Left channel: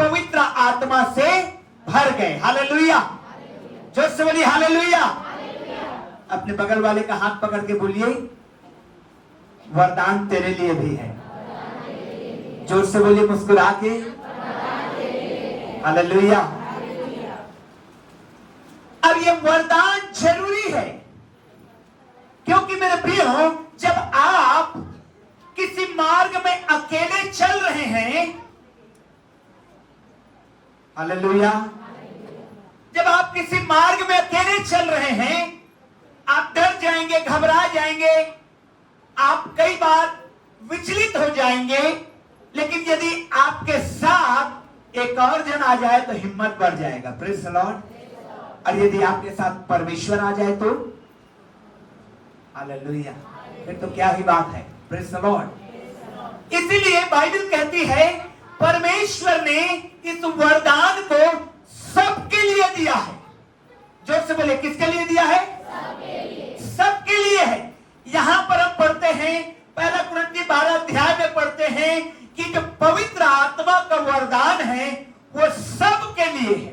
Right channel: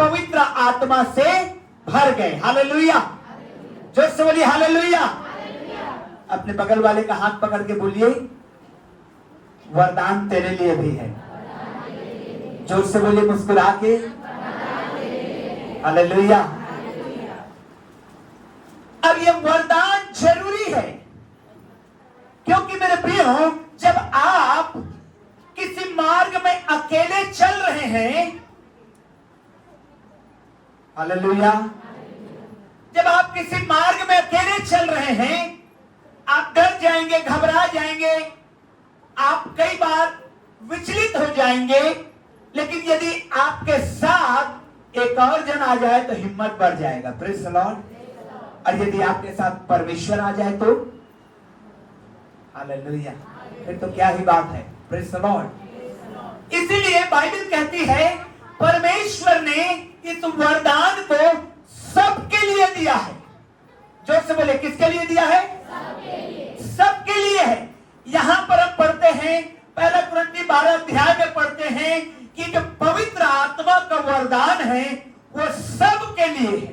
पवित्र आत्मा से भर गए। हालेलुया, जोर से बोलिए हालेलुया। अपने बगल वाले का हाथ पकड़ के बोलिए, वरदान तेरे लिए भी है। जोर से बोलिए मुस्कुरा के, हालेलुया। अब ये वरदान जरूरी है, क्योंकि मेरे प्रियो, जब आप किसी मार्ग में अकेले चल रहे हैं, हालेलुया, जब आप किसी मार्ग में अकेले चल रहे हैं, आप डर जाएंगे, घबरा जाएंगे, आप कई बार विचलित हो जाएंगे। लेकिन यदि आपके साथ एक और जन आ जाए तो हिम्मत बढ़ जाएगा। Praise the Lord. और यदि आपके साथ परमेश्वर आ जाए तो हालेलुया, फिर तो क्या ही बात है। Praise the Lord. इसीलिए बाइबल कहती है परमेश्वर ने इस वरदान को सबके लिए दिया है। जोर से बोले, किसके लिए दिया है? सबके लिए है। यहां पर हम पढ़ते हैं, पहला कुरिन्थी 12 अध्याय में पढ़ते हैं कि जो पवित्र आत्मा का वरदान है वो सबके लिए है।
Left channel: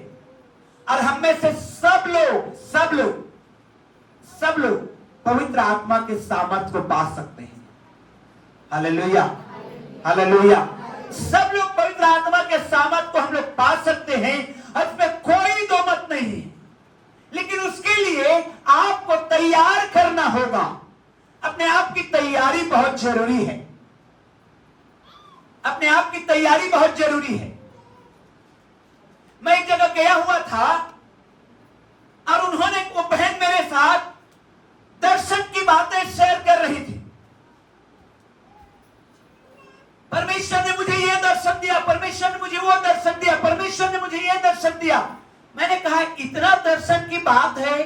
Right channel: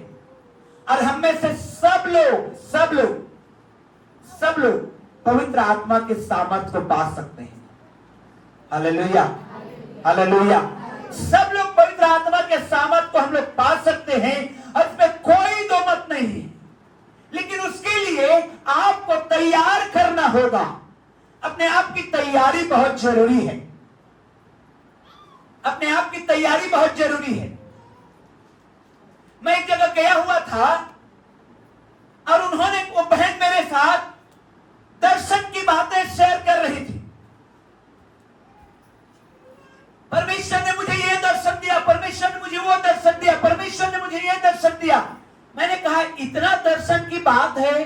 और हम में से सब लोग पवित्र आत्मा के सामर्थ को पा सकते हैं। Hallelujah, hallelujah. सब लोग पवित्र आत्मा के सामर्थ को हम लोग पा सकते हैं, और इसमें कोई दो मत नहीं है। लेकिन उसके लिए आपको तैयार करना होगा। अपने आप की तैयारी बहुत जरूरी है। अपने आप की तैयारी बहुत जरूरी है। मैं एक जगह गया हुआ था और उन्होंने, वो बहन मेरे साथ दर्शन की बातें शेयर कर रही थी। परमेश्वर ने मुझे यह दर्शन दिया, परमेश्वर ने मुझे वो दर्शन दिया, परमेश्वर ने मुझे यह दर्शन दिया। मैंने कहा, इतना दर्शन की बात है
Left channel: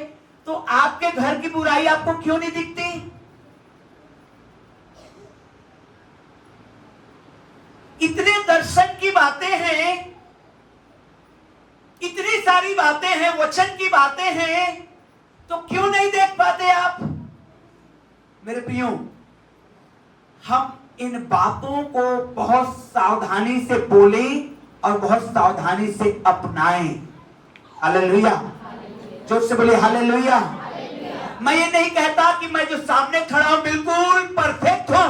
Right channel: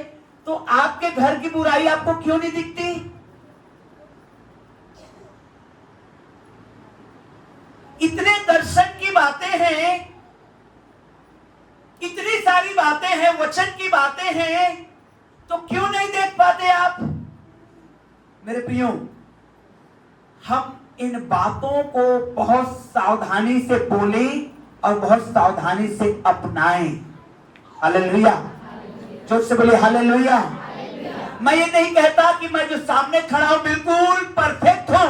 तो आपके घर की बुराई आपको क्यों नहीं दिखती? इतने दर्शन की बातें हैं, इतनी सारी बातें हैं, वचन की बातें हैं, तो क्यों नहीं देख पाते आप? मेरे प्रियो, हम इन बातों को बहुत सावधानी से बोलें और बहुत सावधानी से अपनाएं। हालेलुया, जोर से बोलिए हालेलुया। मैं ये नहीं कहता कि मैं जो सामने खड़ा हूं बिल्कुल परफेक्ट हूं,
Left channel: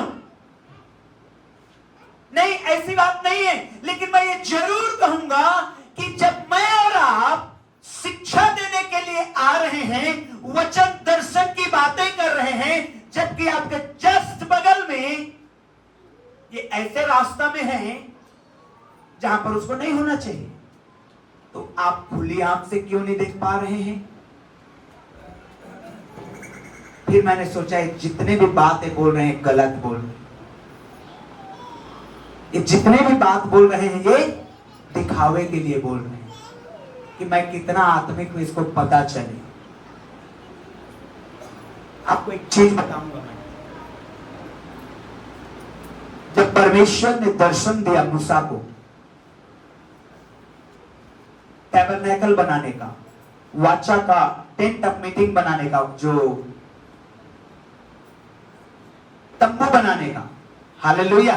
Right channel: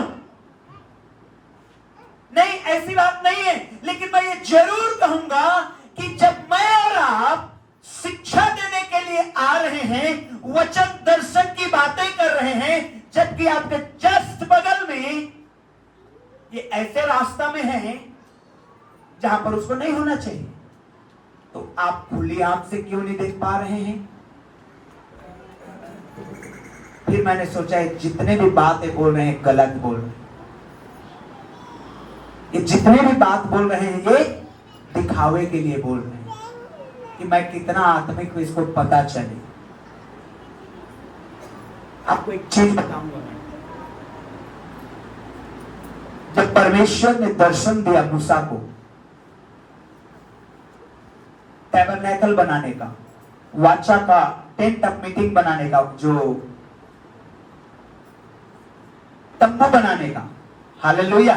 नहीं, ऐसी बात नहीं है। लेकिन मैं ये जरूर कहूंगा कि जब मैं और आप शिक्षा देने के लिए आ रहे हैं, वचन दर्शन की बातें कर रहे हैं, जबकि आपके जस्ट बगल में ये ऐसे रास्ता में है जहां पर उसको नहीं होना चाहिए, तो आप खुली आंख से क्यों नहीं देख पा रहे हैं? फिर मैंने सोचा, ये जितने भी बातें बोल रहे हैं गलत बोल रहे हैं। ये जितने भी बात बोल रहे हैं ये दिखावे के लिए बोल रहे हैं कि मैं कितना आत्मिक हूं, इसको पता चले। आपको एक चीज बताऊंगा मैं। जब परमेश्वर ने दर्शन दिया मूसा को टैबरनेकल बनाने का, वाचा का, टेंट ऑफ मीटिंग बनाने का, जो तंबू बनाने का, हालेलुया,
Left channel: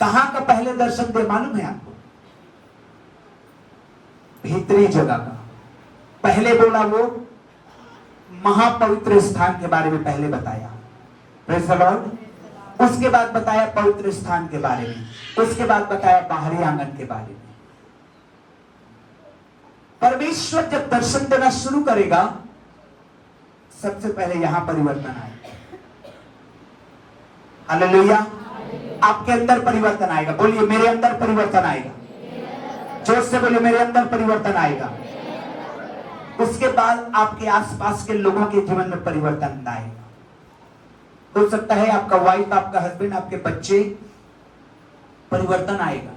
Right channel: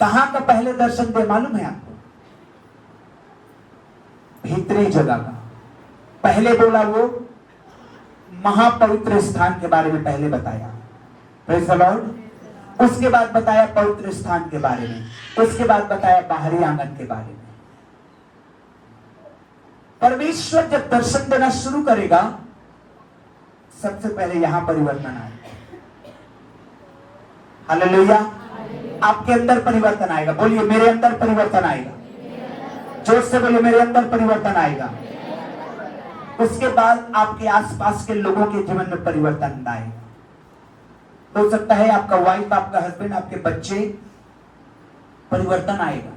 कहां का पहले दर्शन दिया मालूम है आपको? भीतरी जगह का। पहले बोला वो महापवित्र स्थान के बारे में पहले बताया, प्रेज़ द लॉर्ड। उसके बाद बताया पवित्र स्थान के बारे में, उसके बाद बताया बाहरी आंगन के बारे में। परमेश्वर जब दर्शन देना शुरू करेगा, सबसे पहले यहां परिवर्तन आएगा। हालेलुया, आपके अंदर परिवर्तन आएगा। बोलिए, मेरे अंदर परिवर्तन आएगा। जोर से बोलिए, मेरे अंदर परिवर्तन आएगा। उसके बाद आपके आसपास के लोगों के जीवन में परिवर्तन आएगा। हो सकता है आपका वाइफ, आपका हस्बैंड, आपके बच्चे, परिवर्तन आएगा।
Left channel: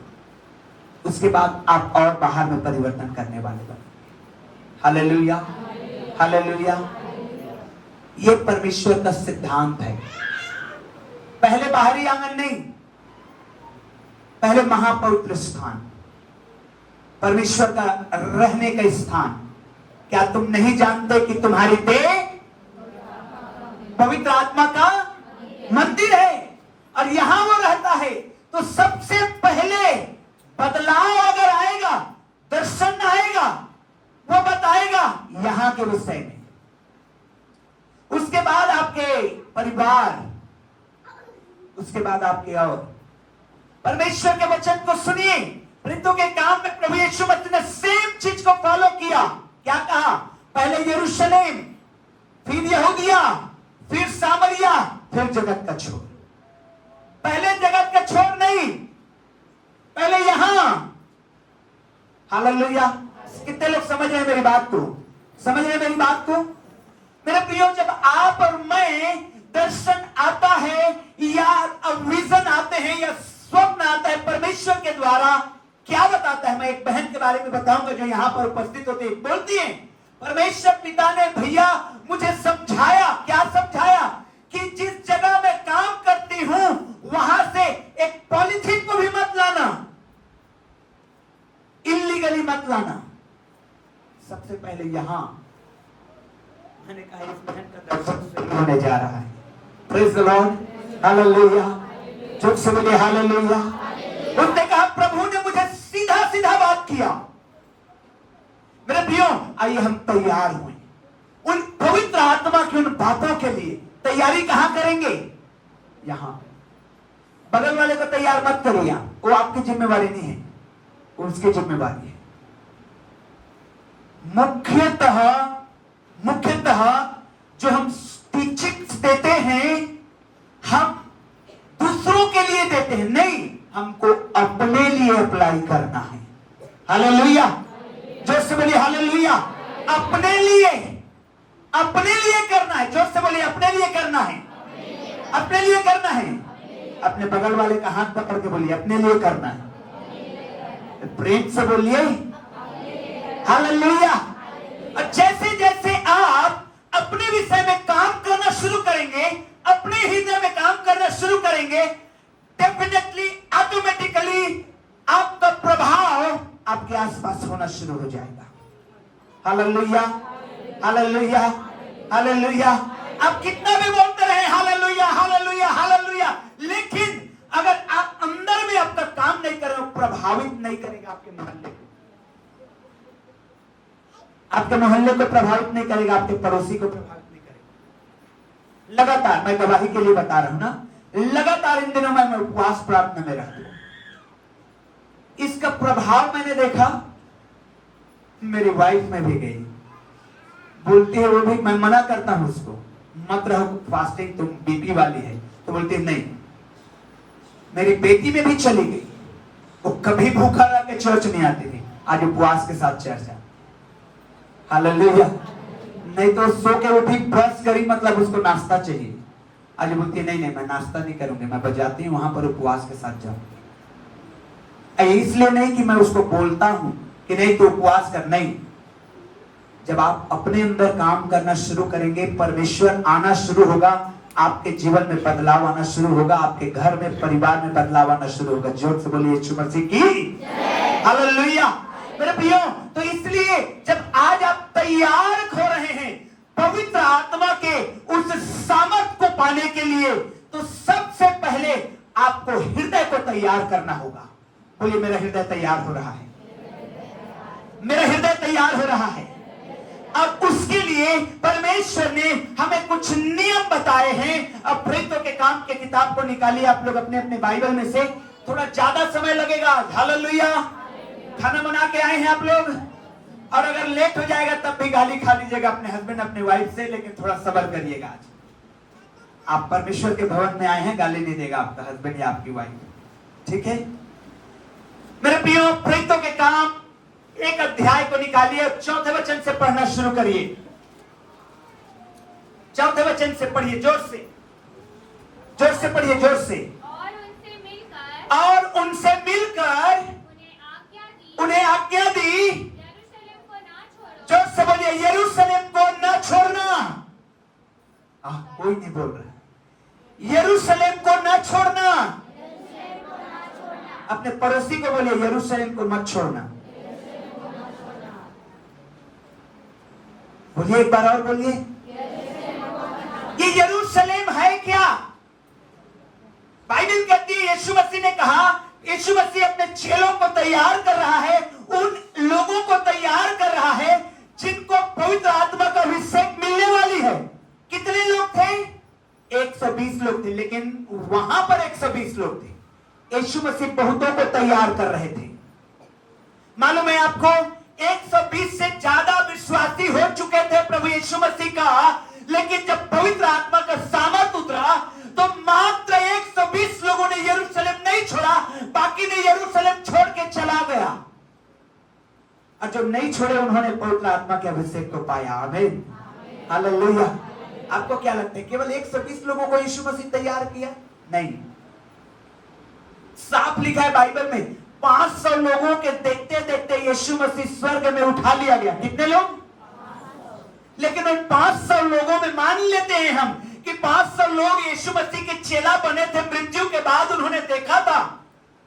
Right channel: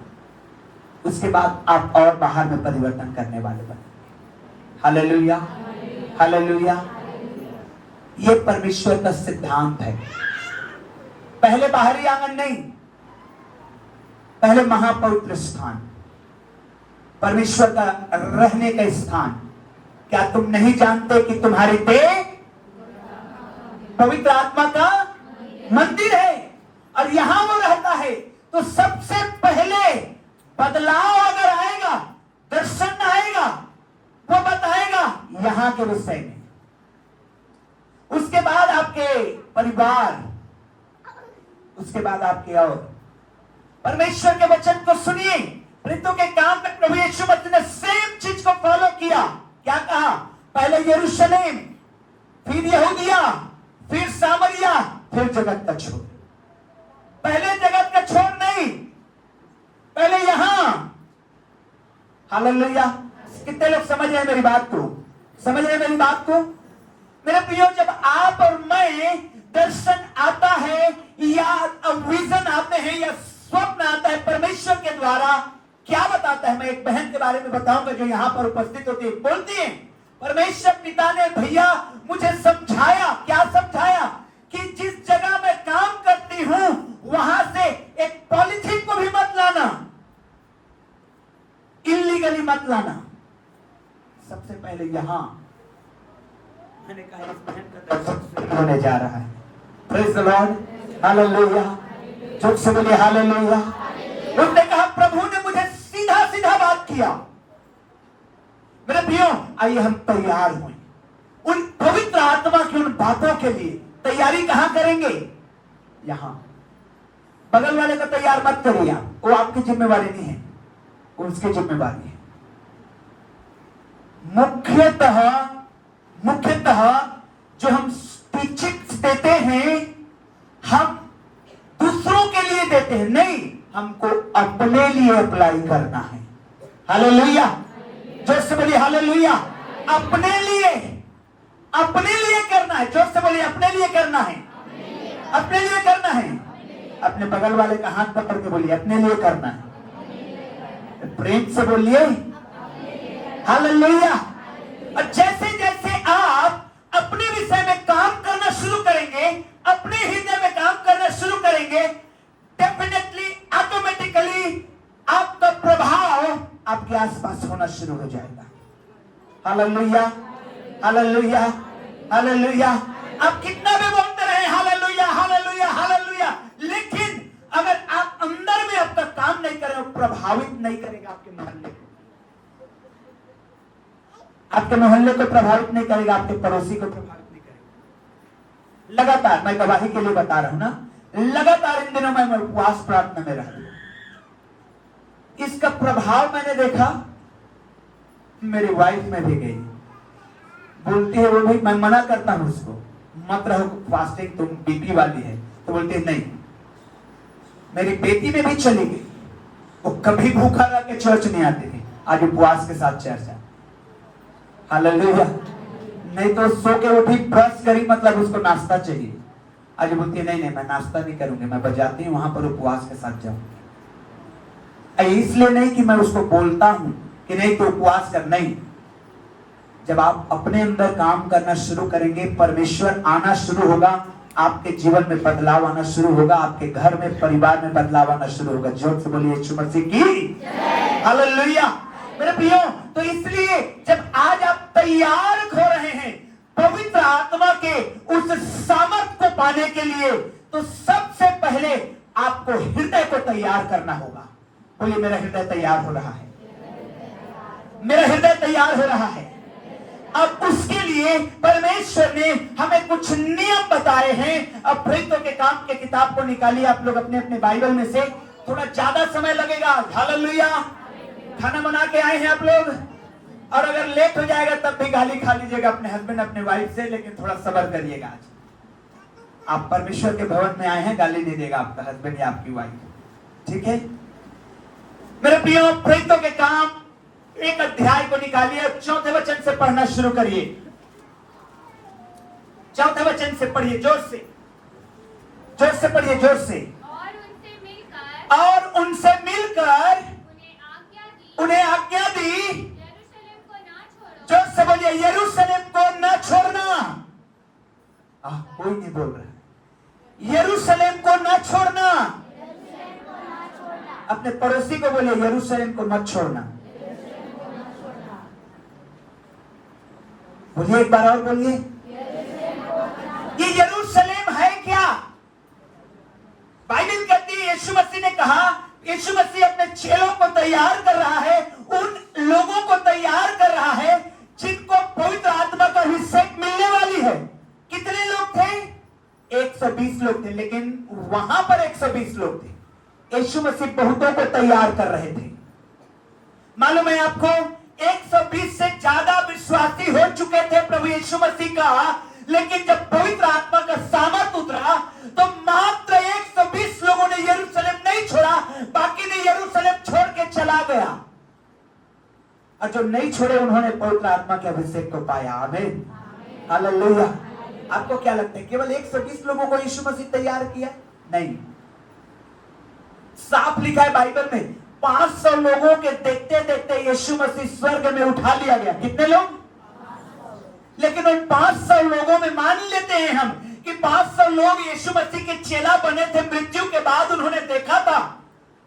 उसके बाद आप और बाहर में परिवर्तन करने वाले बने। Hallelujah, hallelujah. ये परमेश्वर का सिद्धांत है। पहले बाहरी आंगन नहीं, पहले महापवित्र स्थान, परमेश्वर का रहने का स्थान। क्या तुम नहीं जानते कि तुम्हारी देह पवित्र आत्मा का मंदिर है और यहां वो रहता है? तो सबसे पहले बदलाव अगर आएगा, दर्शन आएगा, वो बताएगा यहां के विषय में। उसके बाद आपके परिवार, उसके बाद आपके और परमेश्वर के वचन को सुनिए। प्रेरितों के काम में प्रभु यीशु मसीह ने सेम चीज को फॉलो किया। क्या कहा? पहले यरूशलेम, फिर यहूदिया, फिर सामरिया, फिर जगत का छोर। पहले जगत का छोर नहीं, पहले यहां। हालेलुया। कितने लोग समझ रहे हैं मेरी बात को? समझ रहे हैं मेरी बात को? मेरे प्रियो, जब आप और मैं दर्शन आता है या विजन आते हैं या स्वप्न आता है परमेश्वर के द्वारा, क्या बताता है? मैं एक बहन के बारे में बताऊंगा जो यहां पर उपस्थित होती है। बोलती है, परमेश्वर पिता ने भैया मुझे समझाया। क्या समझाया? कि जिस जगह मैं काम करती हूं वहां से एक पॉलिथीन को भी मत लाना, इल्लीगली मत लाना। सबसे पहले यहां मैंने कहा इस बहन का दर्शन होने जा रहा है। Praise the Lord, hallelujah. जोर से बोलिए हालेलुया। उन्होंने कहा प्रभु ने मुझे सीधा सीधा बात किया। मेरे प्रियो, आइए हम तैयार हुए उन पवित्र आत्मा की उन बातों के लिए। तैयारी कहां करेंगे? यहां। बगल वाले को तैयार मत करिए, वो आपकी जिम्मेवारी नहीं है, वो उसकी जिम्मेवारी है। मुख्यतः जो हम टीचिंग्स देते हैं, हम दूसरों के लिए देते हैं, नहीं, हमको अपने लिए अप्लाई करना है। हालेलुया। जोर से बोलिए हालेलुया। अपने लिए करना है। जोर से बोलिए अपने लिए करना है। अपने लिए करना है। अपने बगल वाले का हाथ पकड़ के बोलिए अपने लिए करना है। प्रेम से बोलिए हालेलुया। और जैसे जैसे आप अपने विषय में काम करना शुरू करेंगे, अपने हृदय में काम करना शुरू करेंगे, डेफिनेटली ऑटोमेटिकली आपका प्रभाव आपके आसपास होना शुरू हो जाएगा। Hallelujah, hallelujah, hallelujah. आप कितना भी बोलते रहे हालेलुया, हालेलुया, हालेलुया, लेकिन अगर आप अंदर में अब तक काम नहीं कर रहे हो, प्रभावित नहीं करेगा आपके मोहल्ले को। आपके मोहल्ले को प्रभावित नहीं करेगा, आपके पड़ोसी को प्रभावित नहीं करेगा। लगातार, मैं गवाही के लिए बता रहा हूं ना, लगातार इन दिनों में मैं उपवास प्रार्थना में रहता हूं। इसका प्रभाव मैंने देखा मेरी वाइफ में भी गई। बोलती है वो भाई, मैं मना करता हूं उसको, मत रहो फास्टिंग, तुम बीपी वाली है। तो बोलती है नहीं। मेरी बेटी में भी चली गई, वो कभी भूखा रह के चर्च नहीं आती थी, आज उपवास के साथ चर्च है। हालेलुया। नहीं तो सो के उठी, ब्रश करी, मतलब उसको नाश्ता चाहिए। आज बोलती है नहीं, मैं नाश्ता नहीं करूंगी, मैं बजाती हूं वहां पर उपवास के साथ जाऊं। इसलिए नहीं कि मैं उसको बोलता हूं कि नहीं तो उपवास कर, नहीं। जब आप अपने अंदर काम करना शुरू करेंगे, परमेश्वर आना शुरू होगा, आपके जीवन में बदलाव आना शुरू होगा, आपके घर में, परिवार में बदलाव आना शुरू होगा। जोर से बोलिए यीशु मसीह की हालेलुया। मेरे प्रियो, तो इसलिए जब आज आप तैयार हो रहे हैं पवित्र आत्मा के उस सामर्थ को पाने के लिए, तो सबसे पहले आपको हृदय को तैयार करना होगा। बोलिए मेरा हृदय तैयार हो रहा है, मेरा हृदय तैयार हो रहा है। अब उसके लिए परमेश्वर ने हमें कुछ नियम बताए हैं। अब प्रेरितों के काम के किताब को निकालिए आप लोग अपने अपने बाइबल में से। थोड़ा ज्यादा समय लगेगा। हालेलुया। खाना बना के आए हैं आप लोग, और अगर लेट हो जाएगा तब भी गाली खा लीजिएगा अपने हस्बैंड अपने वाइफ से, लेकिन थोड़ा सब्र करिएगा। आज आप परमेश्वर के भवन में आए हैं, गाली नहीं देगा आपका हस्बैंड या आपकी वाइफ, ठीक है? मेरे प्रियो, प्रेरितों के काम एक अध्याय को निकालिए, चौथे वचन से पढ़ना शुरू करिए। चौथे वचन से पढ़िए, जोर से पढ़िए, जोर से। और उनसे मिलकर उन्हें आज्ञा दी, जोर से बोलिए यरूशलेम को न छोड़ना। कोई नहीं बोल रहा। यरूशलेम को न छोड़ना। अपने पड़ोसी को बोलिए यरूशलेम को मत छोड़ना। बोलिए एक बार और बोलिए। ये यरूशलेम है क्या? बाइबल कहती है, यीशु मसीह ने कहा, यीशु मसीह अपने चेलों को तैयार कर रहा है, उन लोगों को तैयार कर रहा है जिनको पवित्र आत्मा का अभिषेक मिलने वाली है। कितने लोग थे? 120 लोग थे, लेकिन वहां पर 120 लोग थे। यीशु मसीह बहुतों को तैयार कर रहे थे। मालूम है आपको, 120 से ज्यादा विश्वासी हो चुके थे प्रभु यीशु मसीह का, लेकिन जब पवित्र आत्मा का सामर्थ उतरा तो मात्र 120 लोगों ने यरूशलेम नहीं छोड़ा, बाकी ने यरूशलेम छोड़ के चला गया। और जो नहीं छोड़े उन्होंने पवित्र आत्मा के अभिषेक को पाया। आमीन, हालेलुया। आपको क्या लगता है केवल 120 लोगों को यीशु मसीह तैयार किया? नहीं, साफ लिखा है बाइबल में 500 लोगों के देखते देखते यीशु मसीह स्वर्ग में उठा लिया गया। कितने लोग? लेकिन उन 500 लोगों में मान लेते हैं हम कि 500 लोग यीशु मसीह के चेला बने थे, मृत्यु के बाद उन्होंने देखा था।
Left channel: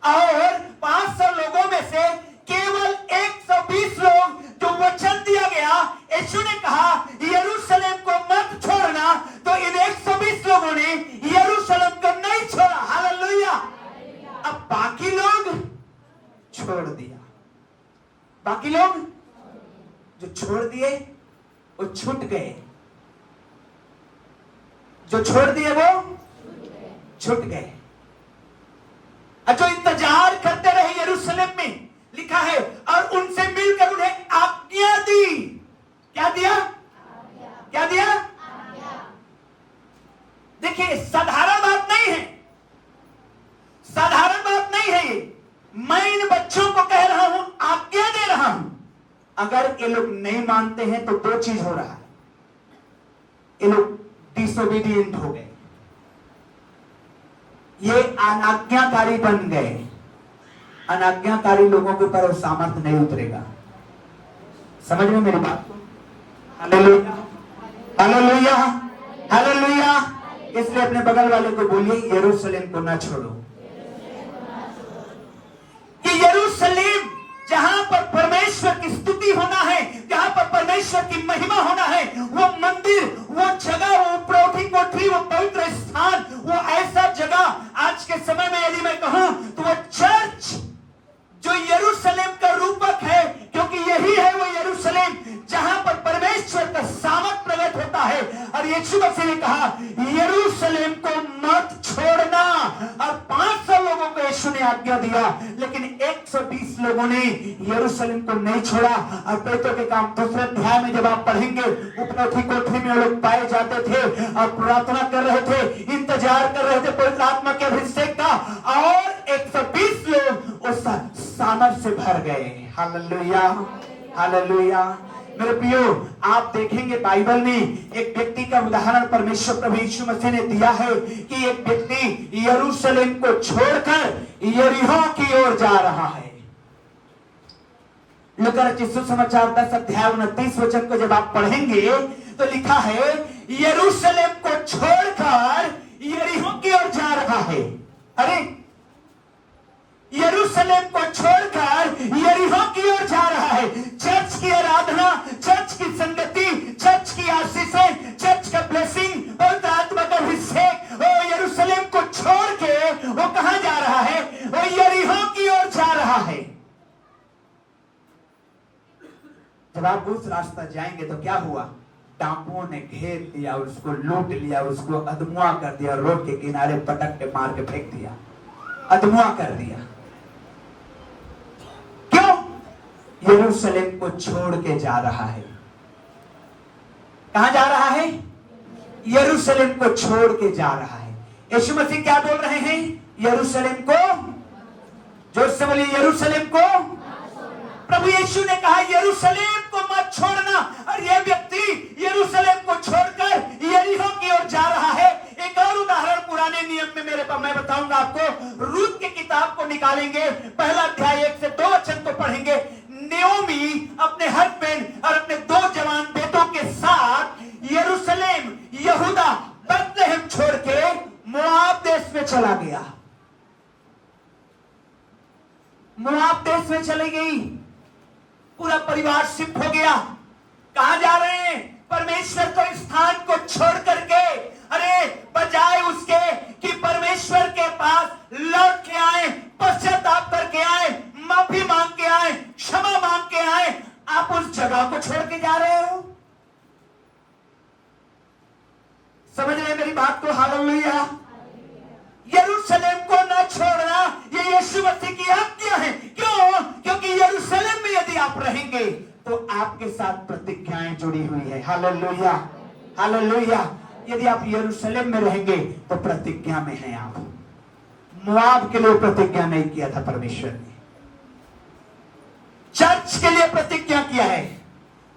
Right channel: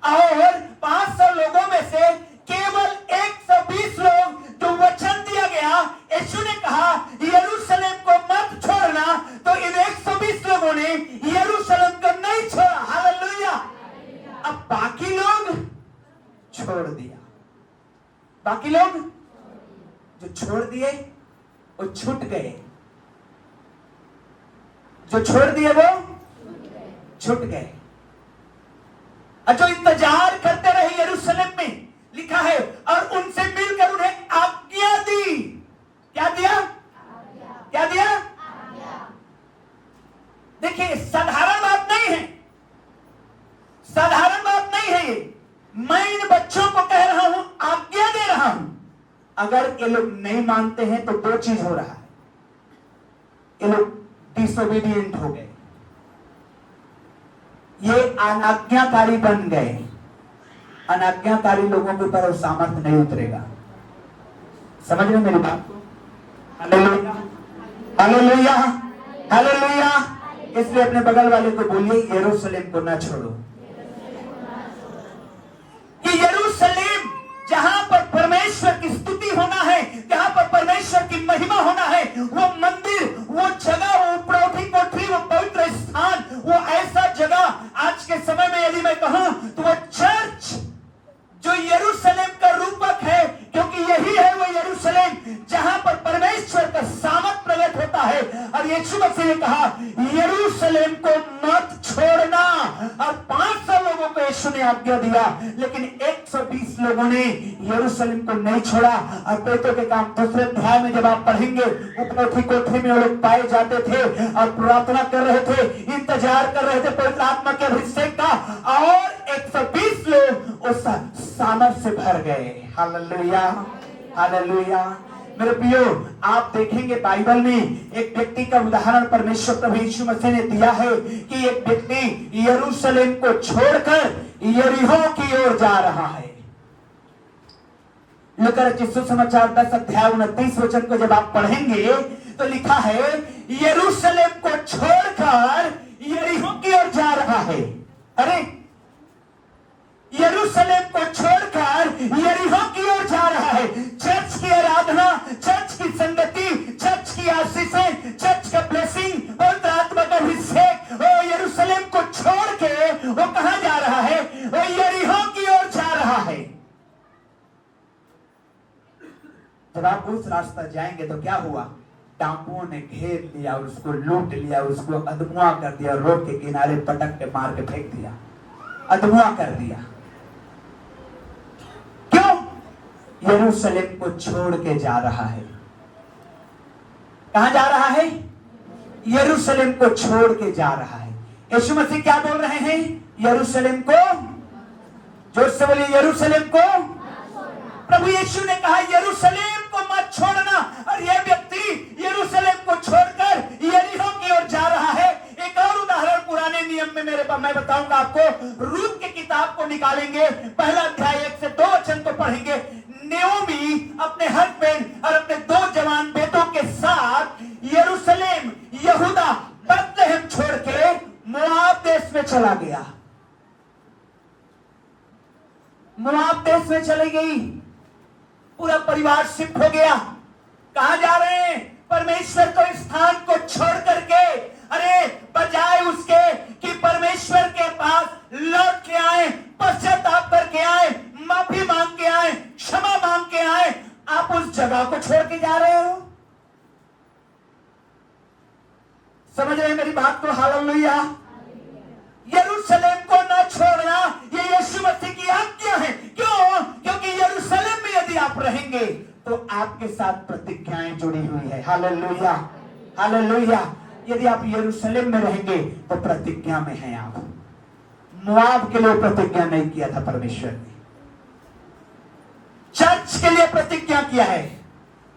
और 500 लोगों में से केवल 120 लोग जो वचन दिया गया, यीशु ने कहा यरूशलेम को मत छोड़ना, तो इन 120 लोगों ने यरूशलेम को नहीं छोड़ा। हालेलुया। अब बाकी लोग छोड़ दिया। बाकी लोग जो छोड़ दिए वो छूट गए। जो छोड़ दिए वो छूट गए। जो इंतजार करते रहे यरूशलेम में, लिखा है, और उनसे मिलकर उन्हें आज्ञा दी। क्या दिया? क्या दिया? देखिए, साधारण बात नहीं है, साधारण बात नहीं है ये। मैं इन बच्चों को कह रहा हूं, आज्ञा दे रहा हूं। अगर ये लोग नहीं मानते हैं तो दो चीज हो रहा है, ये लोग डिसोबीडिएंट हो गए, ये अनाज्ञाकारी बन गए। अनाज्ञाकारी लोगों के ऊपर वो सामर्थ्य नहीं उतरेगा। समझ में मेरी बात को? Hallelujah, hallelujah, hallelujah. इसलिए अपने बगल वाले को बोलिए यरूशलेम को ना छोड़ो। कि यरूशलेम जहां पर परमेश्वर की स्तुति होना है, जहां पर परमेश्वर की महिमा होना है, वो मंदिर, वो जगह, वो प्रौढ़ी कोठरी, वो पवित्र स्थान, वो ऐसा जगह आज के समय में यदि मैं कहूं तो वो चर्च जो यरूशलेम का रूपक है, क्योंकि यही है वो यरूशलेम जहां पर परमेश्वर का सामर्थ प्रकट होता है। और यीशु मसीह ने कहा यरूशलेम को मत छोड़ना। और 500 लोगों को यीशु ने आज्ञा दिया, लेकिन 120 लोगों ने यरूशलेम को नहीं छोड़ा। और पेटों के काम दूसरे अध्याय में जब आप पढ़ेंगे, उपरोठी कोठरी में वो लोग पाए जाते थे और प्रार्थना कर रहे थे, इंतजार कर रहे थे पवित्र आत्मा के अभिषेक का, और 120 लोग उस सामर्थ से भर गए। Hallelujah, hallelujah. मेरे प्रियो, आप देखेंगे बाइबल में एक व्यक्ति का उदाहरण परमेश्वर प्रभु यीशु मसीह ने दिया है कि एक व्यक्ति यरूशलेम को छोड़कर यरीहो की ओर जा रहा है। लूका रचित सुसमाचार 10 अध्याय 29 वचन को जब आप पढ़ेंगे तो लिखा है यरूशलेम को छोड़कर यरीहो की ओर जा रहा है। अरे, यरूशलेम को छोड़कर यरीहो की ओर जा रहा है। चर्च की आराधना, चर्च की संगति, चर्च की आशीषें, चर्च का ब्लेसिंग, पवित्र आत्मा का अभिषेक, वो यरूशलेम को छोड़ के वो कहां जा रहा है? वो यरीहो की ओर जा रहा है। जब आप उस रास्ता जाएंगे तो क्या हुआ? डाकुओं ने घेर लिया, उसको लूट लिया, उसको अधमुआ कर दिया, रोड के किनारे पटक के मार के फेंक दिया, अधमुआ कर दिया। यरूशलेम को छोड़ के जा रहा है। कहां जा रहा है? यरूशलेम को छोड़ के जा रहा है। यीशु मसीह क्या बोल रहे हैं? यरूशलेम को, जोर से बोलिए, यरूशलेम को। प्रभु यीशु ने कहा यरूशलेम को मत छोड़ना, और यह व्यक्ति यरूशलेम को छोड़कर यरीहो की ओर जा रहा है। एक और उदाहरण पुराने नियम में मैं बताऊंगा आपको। रूत की किताब को निकालेंगे, पहला अध्याय 1 से 2 वचन को पढ़ेंगे। नेओमी अपने हस्बैंड और अपने 2 जवान बेटों के साथ यरूशलेम, यहूदा, बेथलेहम छोड़ के मोआब देश में चला गया। मोआब देश में चली गई, पूरा परिवार शिफ्ट हो गया। कहां जा रहे हैं? परमेश्वर को स्थान को छोड़ करके। अरे, बजाय उसके कि परमेश्वर के पास लौट के आए, पश्चाताप करके आए, जगह को छोड़ के जा रहे हो। समझ रहे हैं मेरी बात को? हालेलुया। यरूशलेम को न छोड़ना ये यीशु मसीह की आज्ञा है। क्यों? क्योंकि यरूशलेम में यदि आप रहेंगे तो आपके साथ प्रतिज्ञाएं जुड़ी हुई है। Hallelujah, hallelujah. यदि आप यरूशलेम में रहेंगे तो प्रतिज्ञा में हैं आप। मोआब के लिए प्रतिज्ञा नहीं किया था परमेश्वर ने, चर्च के लिए प्रतिज्ञा किया है।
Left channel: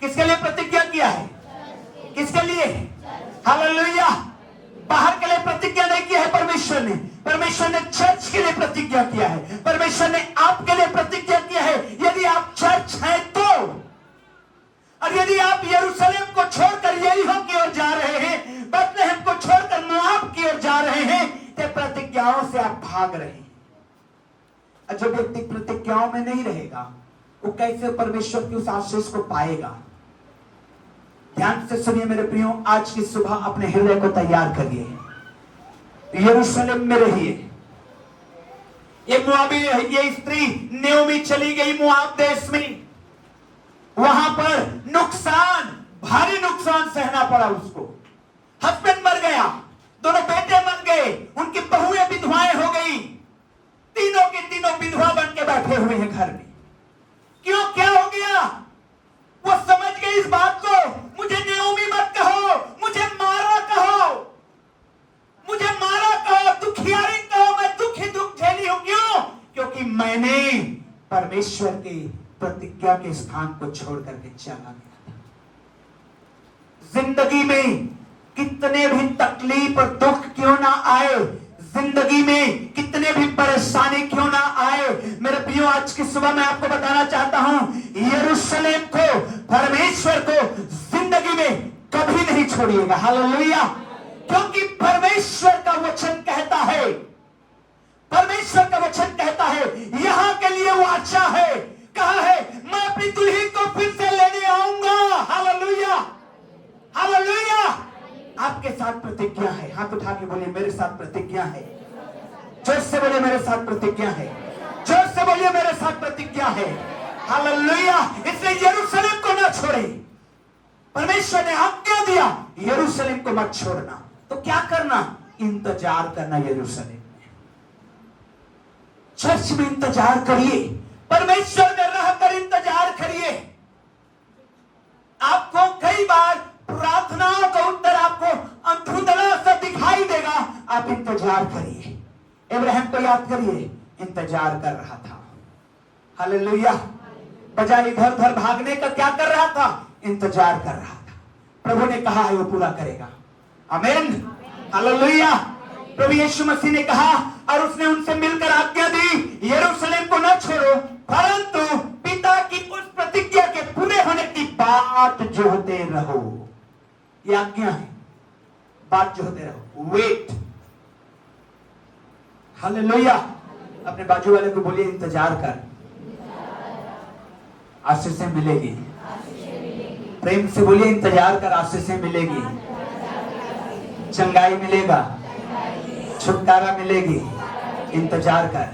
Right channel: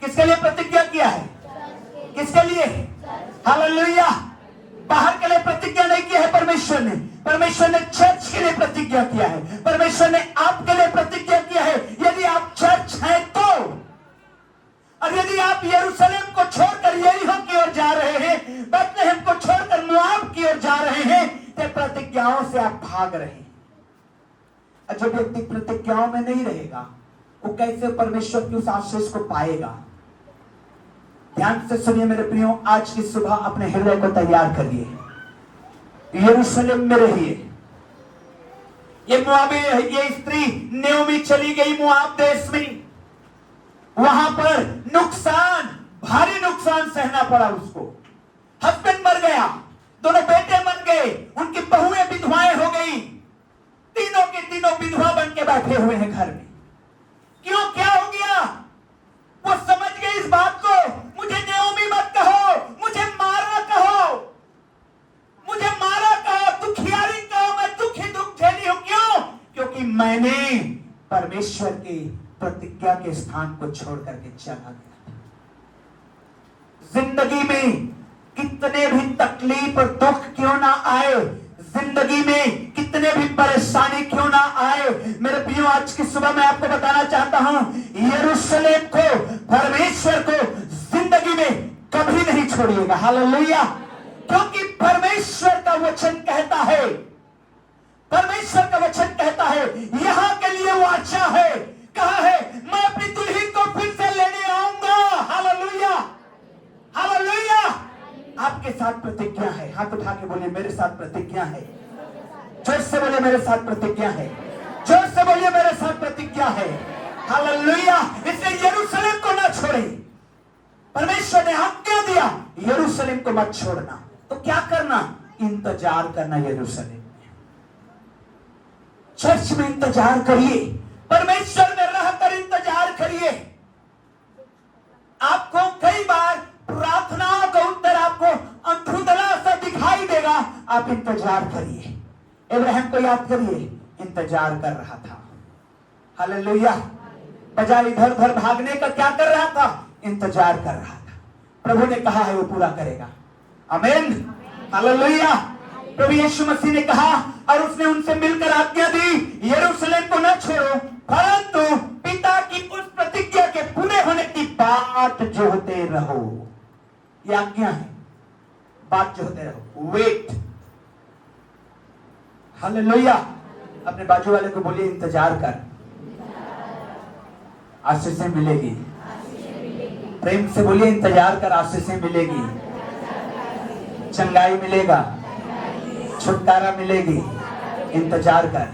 किसके लिए प्रतिज्ञा किया है? किसके लिए? हालेलुया। बाहर के लिए प्रतिज्ञा नहीं किया है परमेश्वर ने। परमेश्वर ने चर्च के लिए प्रतिज्ञा किया है। परमेश्वर ने आपके लिए प्रतिज्ञा किया है। यदि आप चर्च हैं तो, और यदि आप यरूशलेम को छोड़कर यरीहो की ओर जा रहे हैं, बेथलेहम को छोड़कर मोआब की ओर जा रहे हैं, तो प्रतिज्ञाओं से आप भाग रहे हैं। और जो व्यक्ति प्रतिज्ञाओं में नहीं रहेगा वो कैसे परमेश्वर की उस आशीष को पाएगा? ध्यान से सुनिए मेरे प्रियो, आज की सुबह अपने हृदय को तैयार करिए। यरूशलेम में रहिए। ये मोआबी, ये स्त्री नेओमी चली गई मोआब देश में। वहां पर नुकसान, भारी नुकसान सहना पड़ा उसको। हस्बैंड मर गया, दोनों बेटे मर गए, उनकी बहुएं विधवाएं हो गई। तीनों की तीनों विधवा बन के बैठे हुए हैं घर में। क्यों? क्या हो गया? वो समझ गए इस बात को। मुझे नेओमी मत कहो, मुझे मारा कहो, मुझे मारा कहो, दुखियारी कहो, मैं दुख ही दुख झेली हूं। क्यों? क्योंकि मैंने परमेश्वर की प्रतिज्ञा के स्थान को छोड़ करके चला गया। जिंदगी में कितने भी तकलीफ और दुख क्यों ना आए, जिंदगी में कितने भी परेशानी क्यों ना आए, मेरे प्रियो आज की सुबह मैं आपको बताना चाहता हूं, यरूशलेम को, परमेश्वर को जिंदगी में कभी नहीं छोड़िएगा। हालेलुया। क्योंकि परमेश्वर का वचन कहता है, परमेश्वर का वचन कहता है, यहां के लिए वाचा है, कहा है, मैं अपनी दुल्हन को फिर से लेने आऊंगा। Hallelujah, hallelujah. आपके साथ प्रतिज्ञा है। हाथ उठा के बोलिए, मेरे साथ प्रतिज्ञा है। जोर से बोलिए, मेरे साथ प्रतिज्ञा है। जोर से बोलिए, मेरे साथ प्रतिज्ञा है। हालेलुया। इसलिए यरूशलेम को ना छोड़े। परमेश्वर ने आज्ञा दिया यरूशलेम को मत छोड़ना। तो क्या करना? इंतजार करना यरूशलेम में। चर्च में इंतजार करिए, परमेश्वर में रहकर इंतजार करिए। आपको कई बार प्रार्थनाओं का उत्तर आपको अंधुंधला सा दिखाई देगा। आप इंतजार करिए। इब्राहिम को याद करिए, इंतजार कर रहा था। हालेलुया। बजाय इधर उधर भागने का क्या कर रहा था? इंतजार कर रहा था। प्रभु ने कहा है वो पूरा करेगा। आमीन, हालेलुया। प्रभु यीशु मसीह ने कहा और उसने उनसे मिलकर आज्ञा दी, यरूशलेम को न छोड़ो, परंतु पिता की उस प्रतिज्ञा के पूरे होने की बात जोहते रहो। ये आज्ञा है, बात जोहते रहो। वेट। हालेलुया। अपने बाजू वाले को बोलिए, इंतजार कर, आशीषें मिलेगी। प्रेम से बोलिए, इंतजार कर, आशीषें मिलेगी, चंगाई मिलेगा, छुटकारा मिलेगी। इंतजार कर।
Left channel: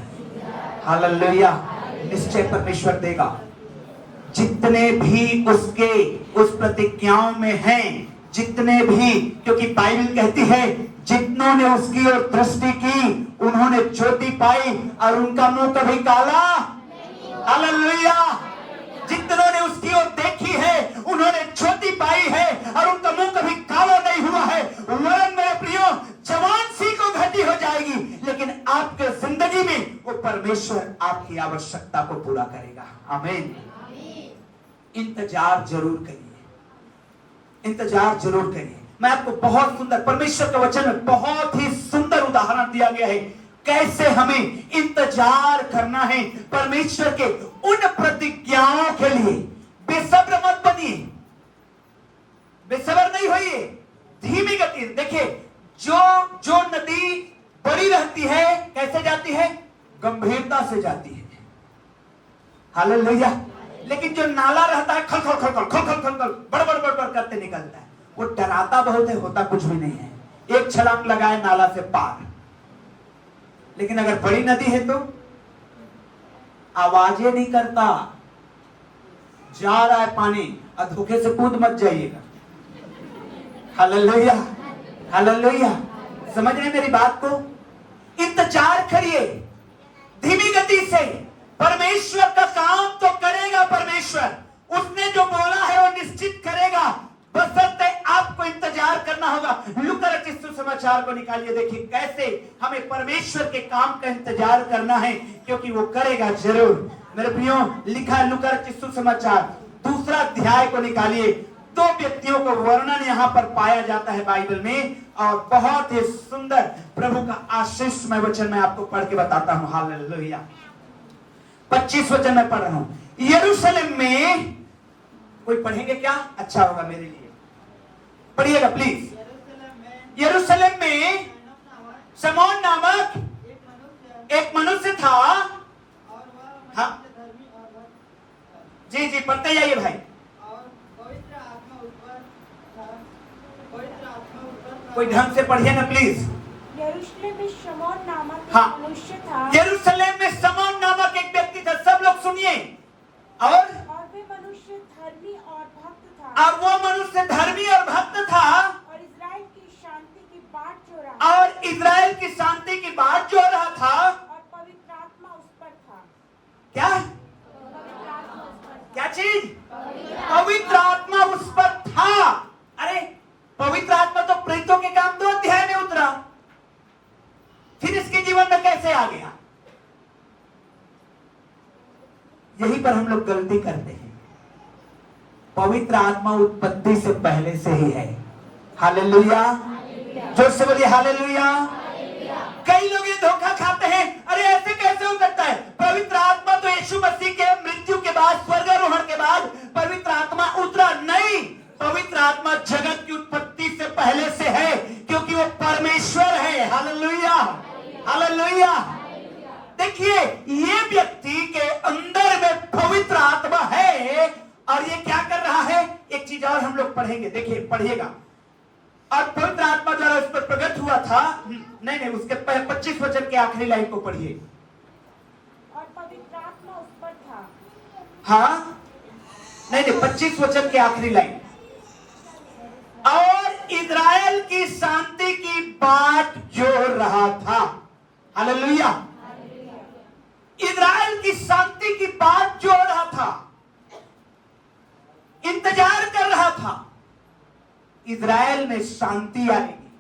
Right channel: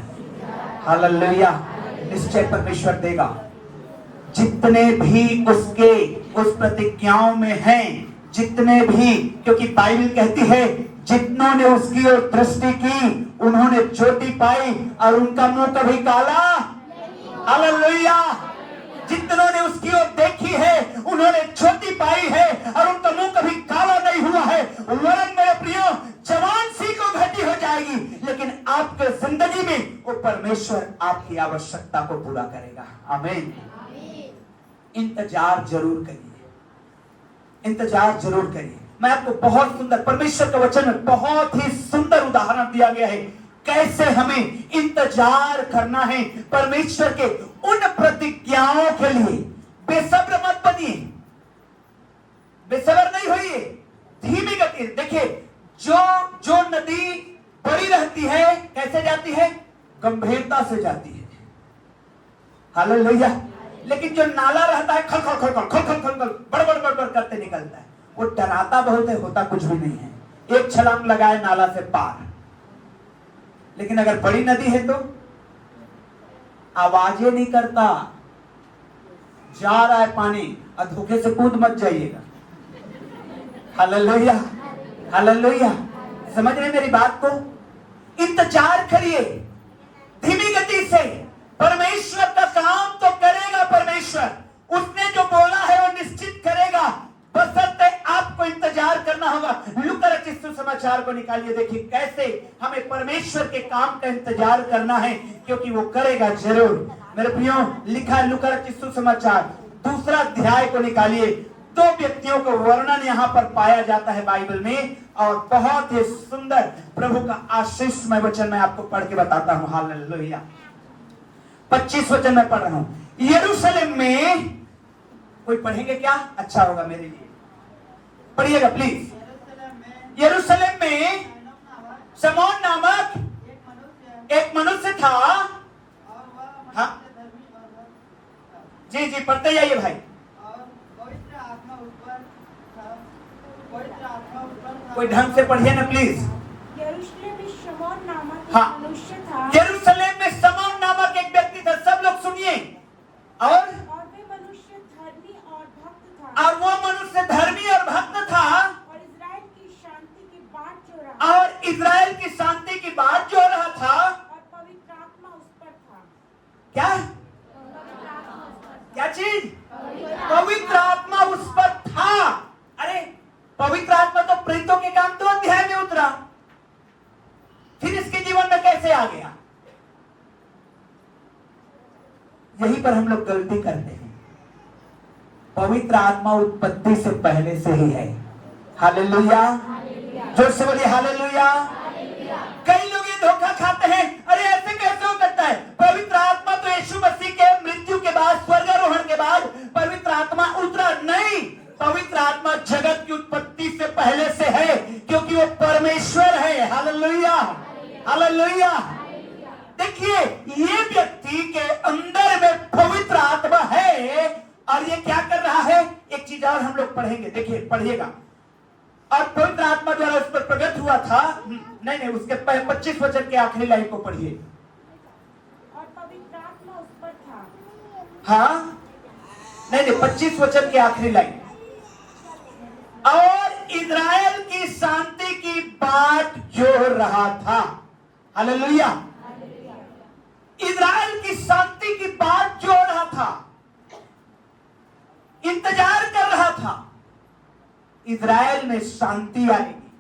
हालेलुया। निश्चय परमेश्वर देगा। जितने भी उसके उस प्रतिज्ञाओं में हैं, जितने भी, क्योंकि बाइबल कहती है जितनों ने उसकी ओर दृष्टि की उन्होंने ज्योति पाई और उनका मुंह कभी काला। हालेलुया। जितनों ने उसकी ओर देखी है उन्होंने ज्योति पाई है और उनका मुंह कभी काला नहीं हुआ है। वरन मेरे प्रियो, जवान सी को घटी हो जाएगी, लेकिन आपके जिंदगी में वो परमेश्वर आपकी आवश्यकता को पूरा करेगा। आमीन। इंतजार जरूर करिए, इंतजार जरूर करिए। मैं आपको बहुत सुंदर, परमेश्वर के वचन में बहुत ही सुंदर उदाहरण दिया गया है कैसे हमें इंतजार करना है परमेश्वर के उन प्रतिज्ञाओं के लिए। बेसब्र मत बनिए, बेसब्र नहीं होइए, धीमी गति। देखिए, जो नदी बड़ी रहती है कैसे जाती है? गंभीरता से जाती है। हालेलुया। लेकिन जो नाला रहता है खल खल खल खल खल खल खल बड़बड़ बड़बड़ करते निकलता है। वो डराता बहुत है, होता कुछ भी नहीं है। एक छलांग लगाए नाला से पार। लेकिन अगर बड़ी नदी है तो आवाजें नहीं करता, जा रहा है पानी, और धोखे से कूद मत जाइएगा। Hallelujah, hallelujah. समझ रहे मेरी बात को? इंतजार करिए धीमी गति से। परमेश्वर का काम तो करेगा परमेश्वर, उसने जो बोला है वो निश्चित करेगा, बशर्ते आपको इंतजार करना होगा। लूका रचित सुसमाचार को निकालिए, देखिए कैसे हमें परमेश्वर के काम का इंतजार करना है, क्योंकि वो करेगा जरूर। मेरे प्रियो, लिखा है लूका रचित सुसमाचार 2 अध्याय को निकालिए। 2 व्यक्तियों को वर्णन यहाँ पर पाया जाता है बाइबल में, और बहुत ही सुंदर प्रभु का आशीषमय वचन मैं आपको पढ़ के बताता हूँ। हालेलुया। 25 वचन में पढ़ रहा हूँ। यरूशलेम में, कोई पढ़ेंगे क्या? अच्छा होगा मेरे लिए, पढ़िएगा प्लीज। यरूशलेम में शमौन नामक एक मनुष्य था। हाँ जी जी, पढ़ते जाइए भाई। कोई ढंग से पढ़िए ना प्लीज। यरूशलेम में शमौन नामक हाँ, एक मनुष्य था। यरूशलेम में शमौन नामक एक व्यक्ति था। सब लोग सुनिए। और वे मनुष्य धर्मी और भक्त था। और वो मनुष्य धर्मी और भक्त था, और इस्राएल की शांति की बाट जो रहा। और इजराइल की शांति की बात जो रहा था। और पवित्र आत्मा उस पर था। क्या क्या चीज? पवित्र आत्मा उस पर था। अरे पवित्र आत्मा तो प्रेरितों के काम 2 अध्याय में उतरा, फिर इसके जीवन में कैसे आ गया? यहीं पर हम लोग गलती करते हैं। पवित्र आत्मा उत्पत्ति से पहले से ही है। हालेलुया, जोर से बोलिए हालेलुया। कई लोग ये धोखा खाते हैं, अरे ऐसे कैसे हो सकता है? पवित्र आत्मा तो यीशु मसीह के मृत्यु के बाद, स्वर्गारोहण के बाद पवित्र आत्मा उतरा। नहीं, पवित्र आत्मा जगत की उत्पत्ति से पहले से है, क्योंकि वो परमेश्वर है। Hallelujah, hallelujah. देखिए, ये व्यक्ति के अंदर में पवित्र आत्मा है, और ये क्या कर रहा है? एक चीज और हम लोग पढ़ेंगे, देखिए पढ़िएगा। और पवित्र आत्मा द्वारा उस पर प्रकट हुआ था। नहीं, उसके 25 वचन के आखिरी लाइन को पढ़िए। और पवित्र आत्मा उस पर था। हाँ, नहीं, 25 वचन के आखिरी लाइन। और इजराइल की शांति की बाट जोड़ रहा था। हालेलुया। इजराइल की शांति की बाट जोड़ रहा था, इंतजार कर रहा था। इजराइल में शांति आएगी।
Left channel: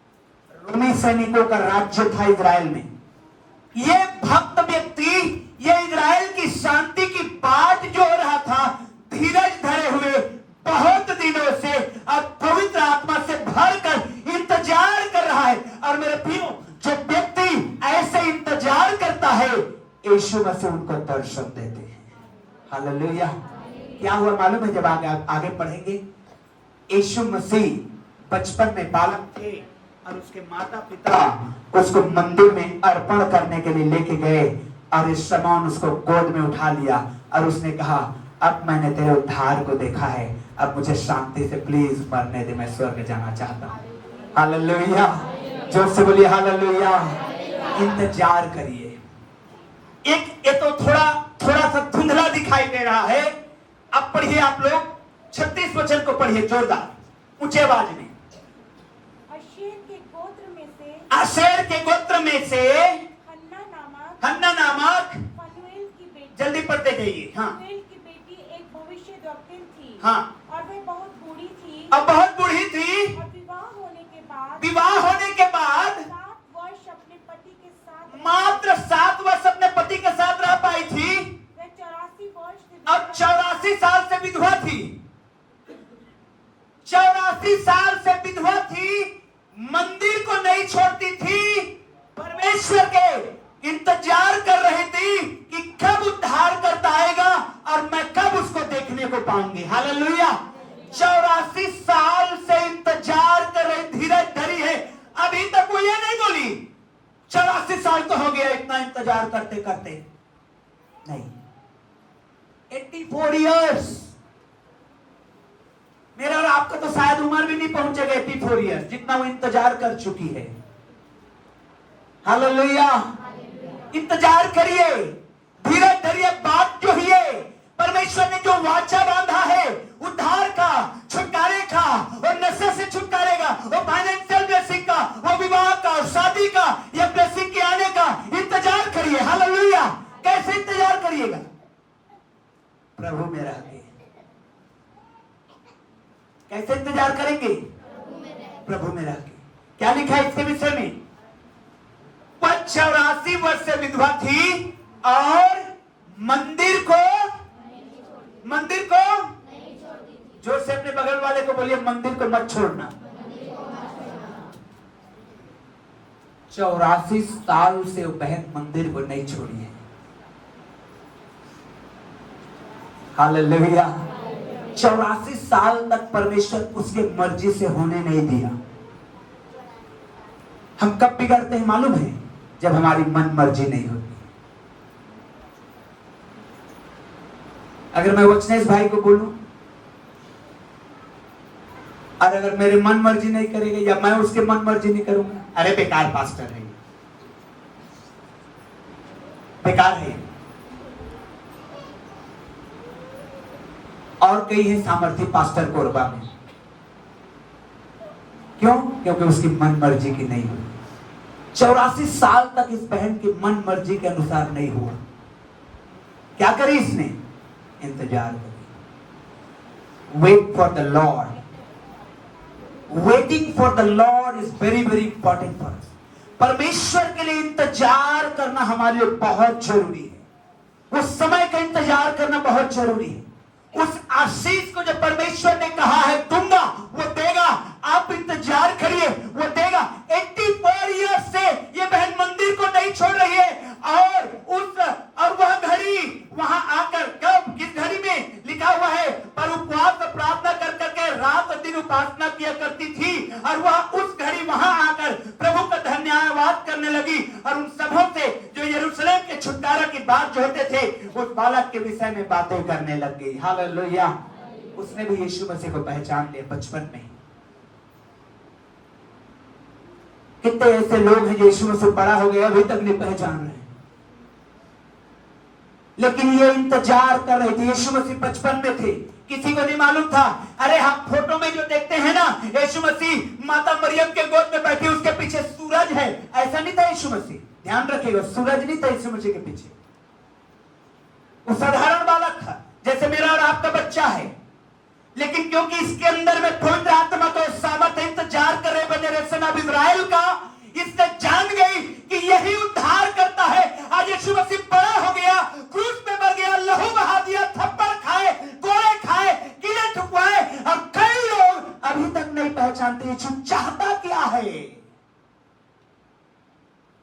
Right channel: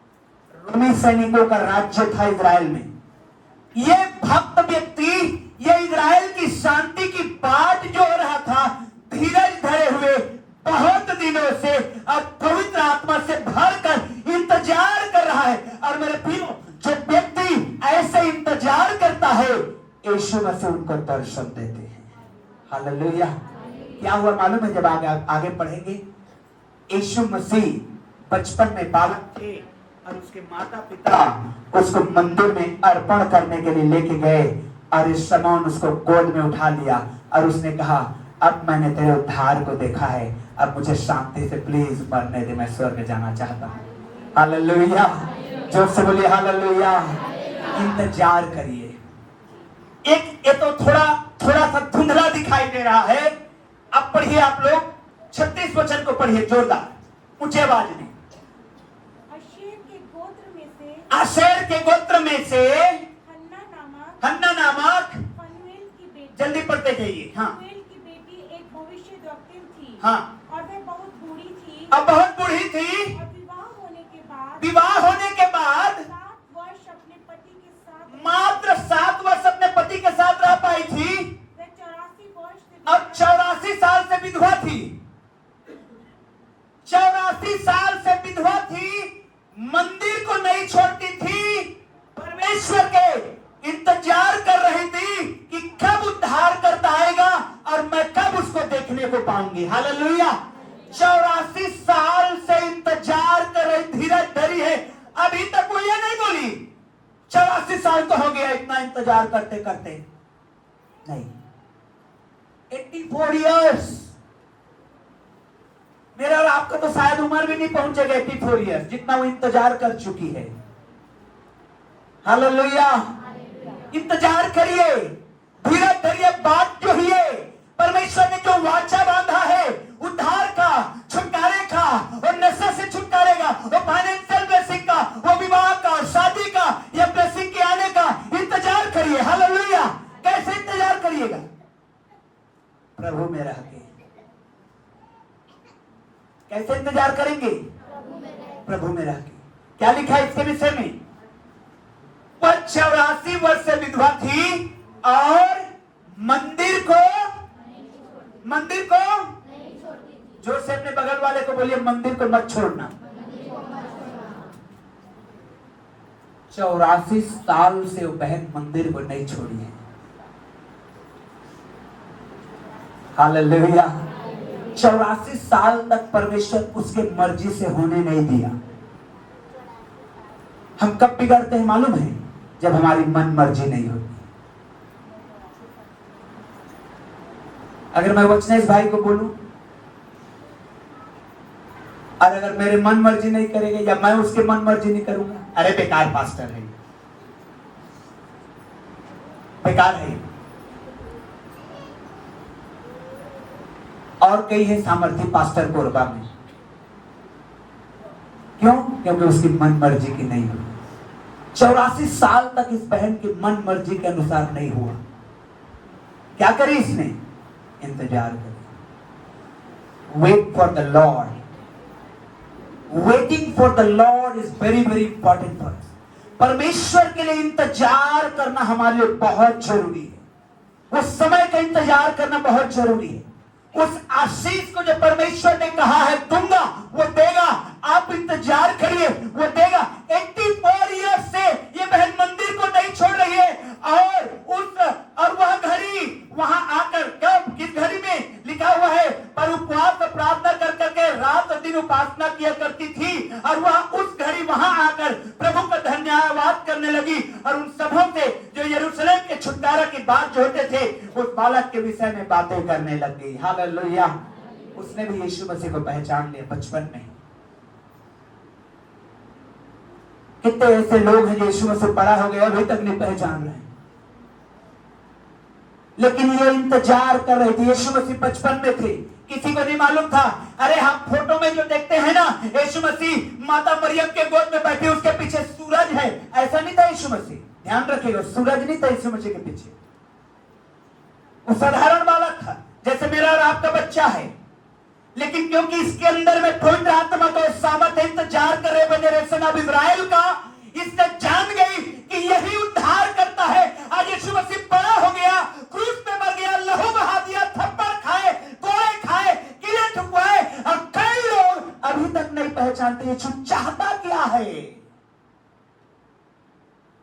रोमी सैनिकों का राज्य था इजराइल में। ये भक्त व्यक्ति, ये इजराइल की शांति की बाट जोड़ रहा था, धीरज धरे हुए बहुत दिनों से, अब पवित्र आत्मा से भरकर इंतजार कर रहा है। और मेरे प्रियो, जो व्यक्ति ऐसे इंतजार करता है, यीशु मसीह उनको दर्शन देते हैं। हालेलुया। क्या हुआ मालूम है? जब आगे पढ़ेंगे, यीशु मसीह बचपन में बालक थे, और उसके माता पिता उसको मंदिर में अर्पण करने के लिए लेके गए, और इस शमौन उसको गोद में उठा लिया, और उसने कहा, अब मैंने तेरे उद्धार को देखा है, अब मुझे शांति से प्लीज मरने दे, मैं स्वर्ग जाना चाहता हूँ। हालेलुया, जोर से बोलिए हालेलुया। इंतजार करिए। ये तो थोड़ा सा धुंधला दिखाई दे रहा है। अब पढ़िए आप लोग, 36 वचन को पढ़िए जोरदार, ऊंचे आवाज में। आशेर के गोत्र में से हन्ना नामक, जल्दी पढ़ते जाइए। हाँ, की बेटी एक भविष्यद्वक्ता थी। हाँ, और वह बहुत बूढ़ी थी। अब बहुत बूढ़ी थी। और विवाह होने के बाद 7 वर्ष अपने पति के साथ, मात्र 7 वर्ष अपने पति के साथ रह पाई थी। वह 84 वर्ष अब 84 साल से विधवा थी। 84 साल से विधवा थी, मंदिर को नहीं छोड़ती थी, परमेश्वर के इंतजार कर रही थी कि कब उद्धार करता आएगा और मैं कब उसको देखने को पाऊंगी। हालेलुया। 84 साल से इंतजार कर रही, धीरज धरी है, अभी तक वो ये नहीं बोली 84 साल तो हो गया इतना इंतजार करते करते। नहीं, 84 इयर्स। मेरा और आपका तो शायद उम्र भी नहीं पहुंचेगा 84 इयर्स, जितना वो इंतजार कर चुकी है। हालेलुया। इंतजार करिए, धीरज धरिए, बात जो है परमेश्वर ने जो वाचा बांधा है शादी का या ब्लेसिंग के आने का इंतजार करिए। हालेलुया। कैसे इंतजार करिएगा? प्रभु में रह के। कैसे इंतजार करेंगे? प्रभु में रह के। क्या लिखा है इसके विषय में? वह 84 वर्ष से विधवा थी और मंदिर को जोर से अपने बगल वाले को बोलिए, मंदिर को मत छोड़ना। 84 साल से वो बहन मंदिर को नहीं छोड़ी है। हालेलुया। 84 साल तक परमेश्वर उसके मर्जी से होने नहीं दिया। हम कब बिगड़ते हैं मालूम है? जब हमारी मन मर्जी नहीं होती। अगर मैं वचनेश भाई को बोलूं और अगर मेरे मन मर्जी नहीं करेगा या मैं उसके मन मर्जी नहीं करूंगा, अरे बेकार पास्टर है, बेकार है। और कई है सामर्थी पास्टर कोरबा में। क्यों? क्योंकि उसकी मन मर्जी की नहीं हुई। 84 साल तक इस बहन की मन मर्जी के अनुसार नहीं हुआ। क्या करी इसने? इंतजार करी। Wait for the Lord. Waiting for the Lord is very very important for us. परमेश्वर के लिए इंतजार करना हमारे लिए बहुत जरूरी है। उस समय का इंतजार करना बहुत जरूरी है। उस आशीष को जो परमेश्वर ने कहा है दूंगा, वो देगा। आप इंतजार करिए, वो देगा। 84 ईयर्स से ये बहन मंदिर को नहीं छोड़ रही है और वह घड़ी वहां आकर, कब, किस घड़ी में लिखा हुआ है? पर उपवास प्रार्थना कर करके रात दिन उपासना किया करती थी और वह उस घड़ी वहां आकर प्रभु का धन्यवाद करने लगी और उन सबों से जो यरूशलेम के छुटकारा की बात जो होते थे उस बालक के विषय में बातें करने लग गई। हालेलुया। उसने भी यीशु मसीह को पहचान लिया बचपन में। कितने ऐसे लोग हैं जो यीशु मसीह बड़ा हो गया अभी तक नहीं पहचान रहे, लेकिन ये इंतजार कर रहे थे। यीशु मसीह बचपन में थे, किसी को नहीं मालूम था। अरे हम फोटो में जो देखते हैं ना, यीशु मसीह माता मरियम के गोद में बैठे, उसके पीछे सूरज है, ऐसा नहीं था यीशु मसीह। ध्यान रखिएगा, सूरज नहीं था यीशु मसीह के पीछे। वो साधारण बालक था जैसे मेरा और आपका बच्चा है, लेकिन क्योंकि इसके अंदर में पवित्र आत्मा का सामर्थ्य इंतजार कर रहे जनरेशन ऑफ इजराइल का, इसने जान गई कि यही उद्धार करता है। आज यीशु मसीह बड़ा हो गया, क्रूस पे मर गया, लहू बहा दिया, थप्पड़ खाए, गोले खाए, कीड़े ठुकवाए और कई लोग अभी तक नहीं पहचानते यीशु चाहता क्या है।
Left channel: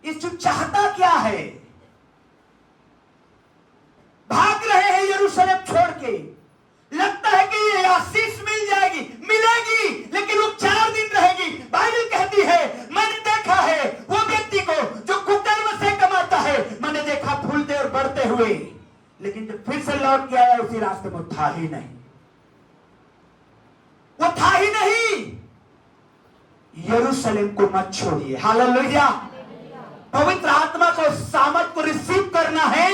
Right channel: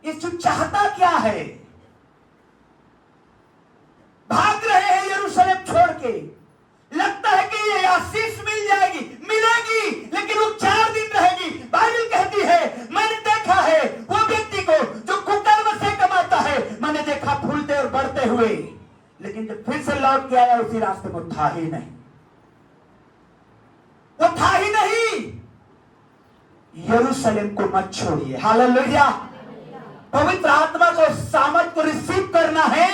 यीशु चाहता क्या है? भाग रहे हैं यरूशलेम छोड़ के। लगता है कि ये आशीष मिल जाएगी, मिलेगी, लेकिन वो 4 दिन रहेगी। बाइबल कहती है, मैंने देखा है वो व्यक्ति को जो कुकर्म से कमाता है, मैंने देखा फूलते और बढ़ते हुए, लेकिन जब फिर से लौट के आया उसी रास्ते में था ही नहीं, वो था ही नहीं। यरूशलेम को मत छोड़िए। हालेलुया। पवित्र आत्मा को सामर्थ्य को रिसीव करना है,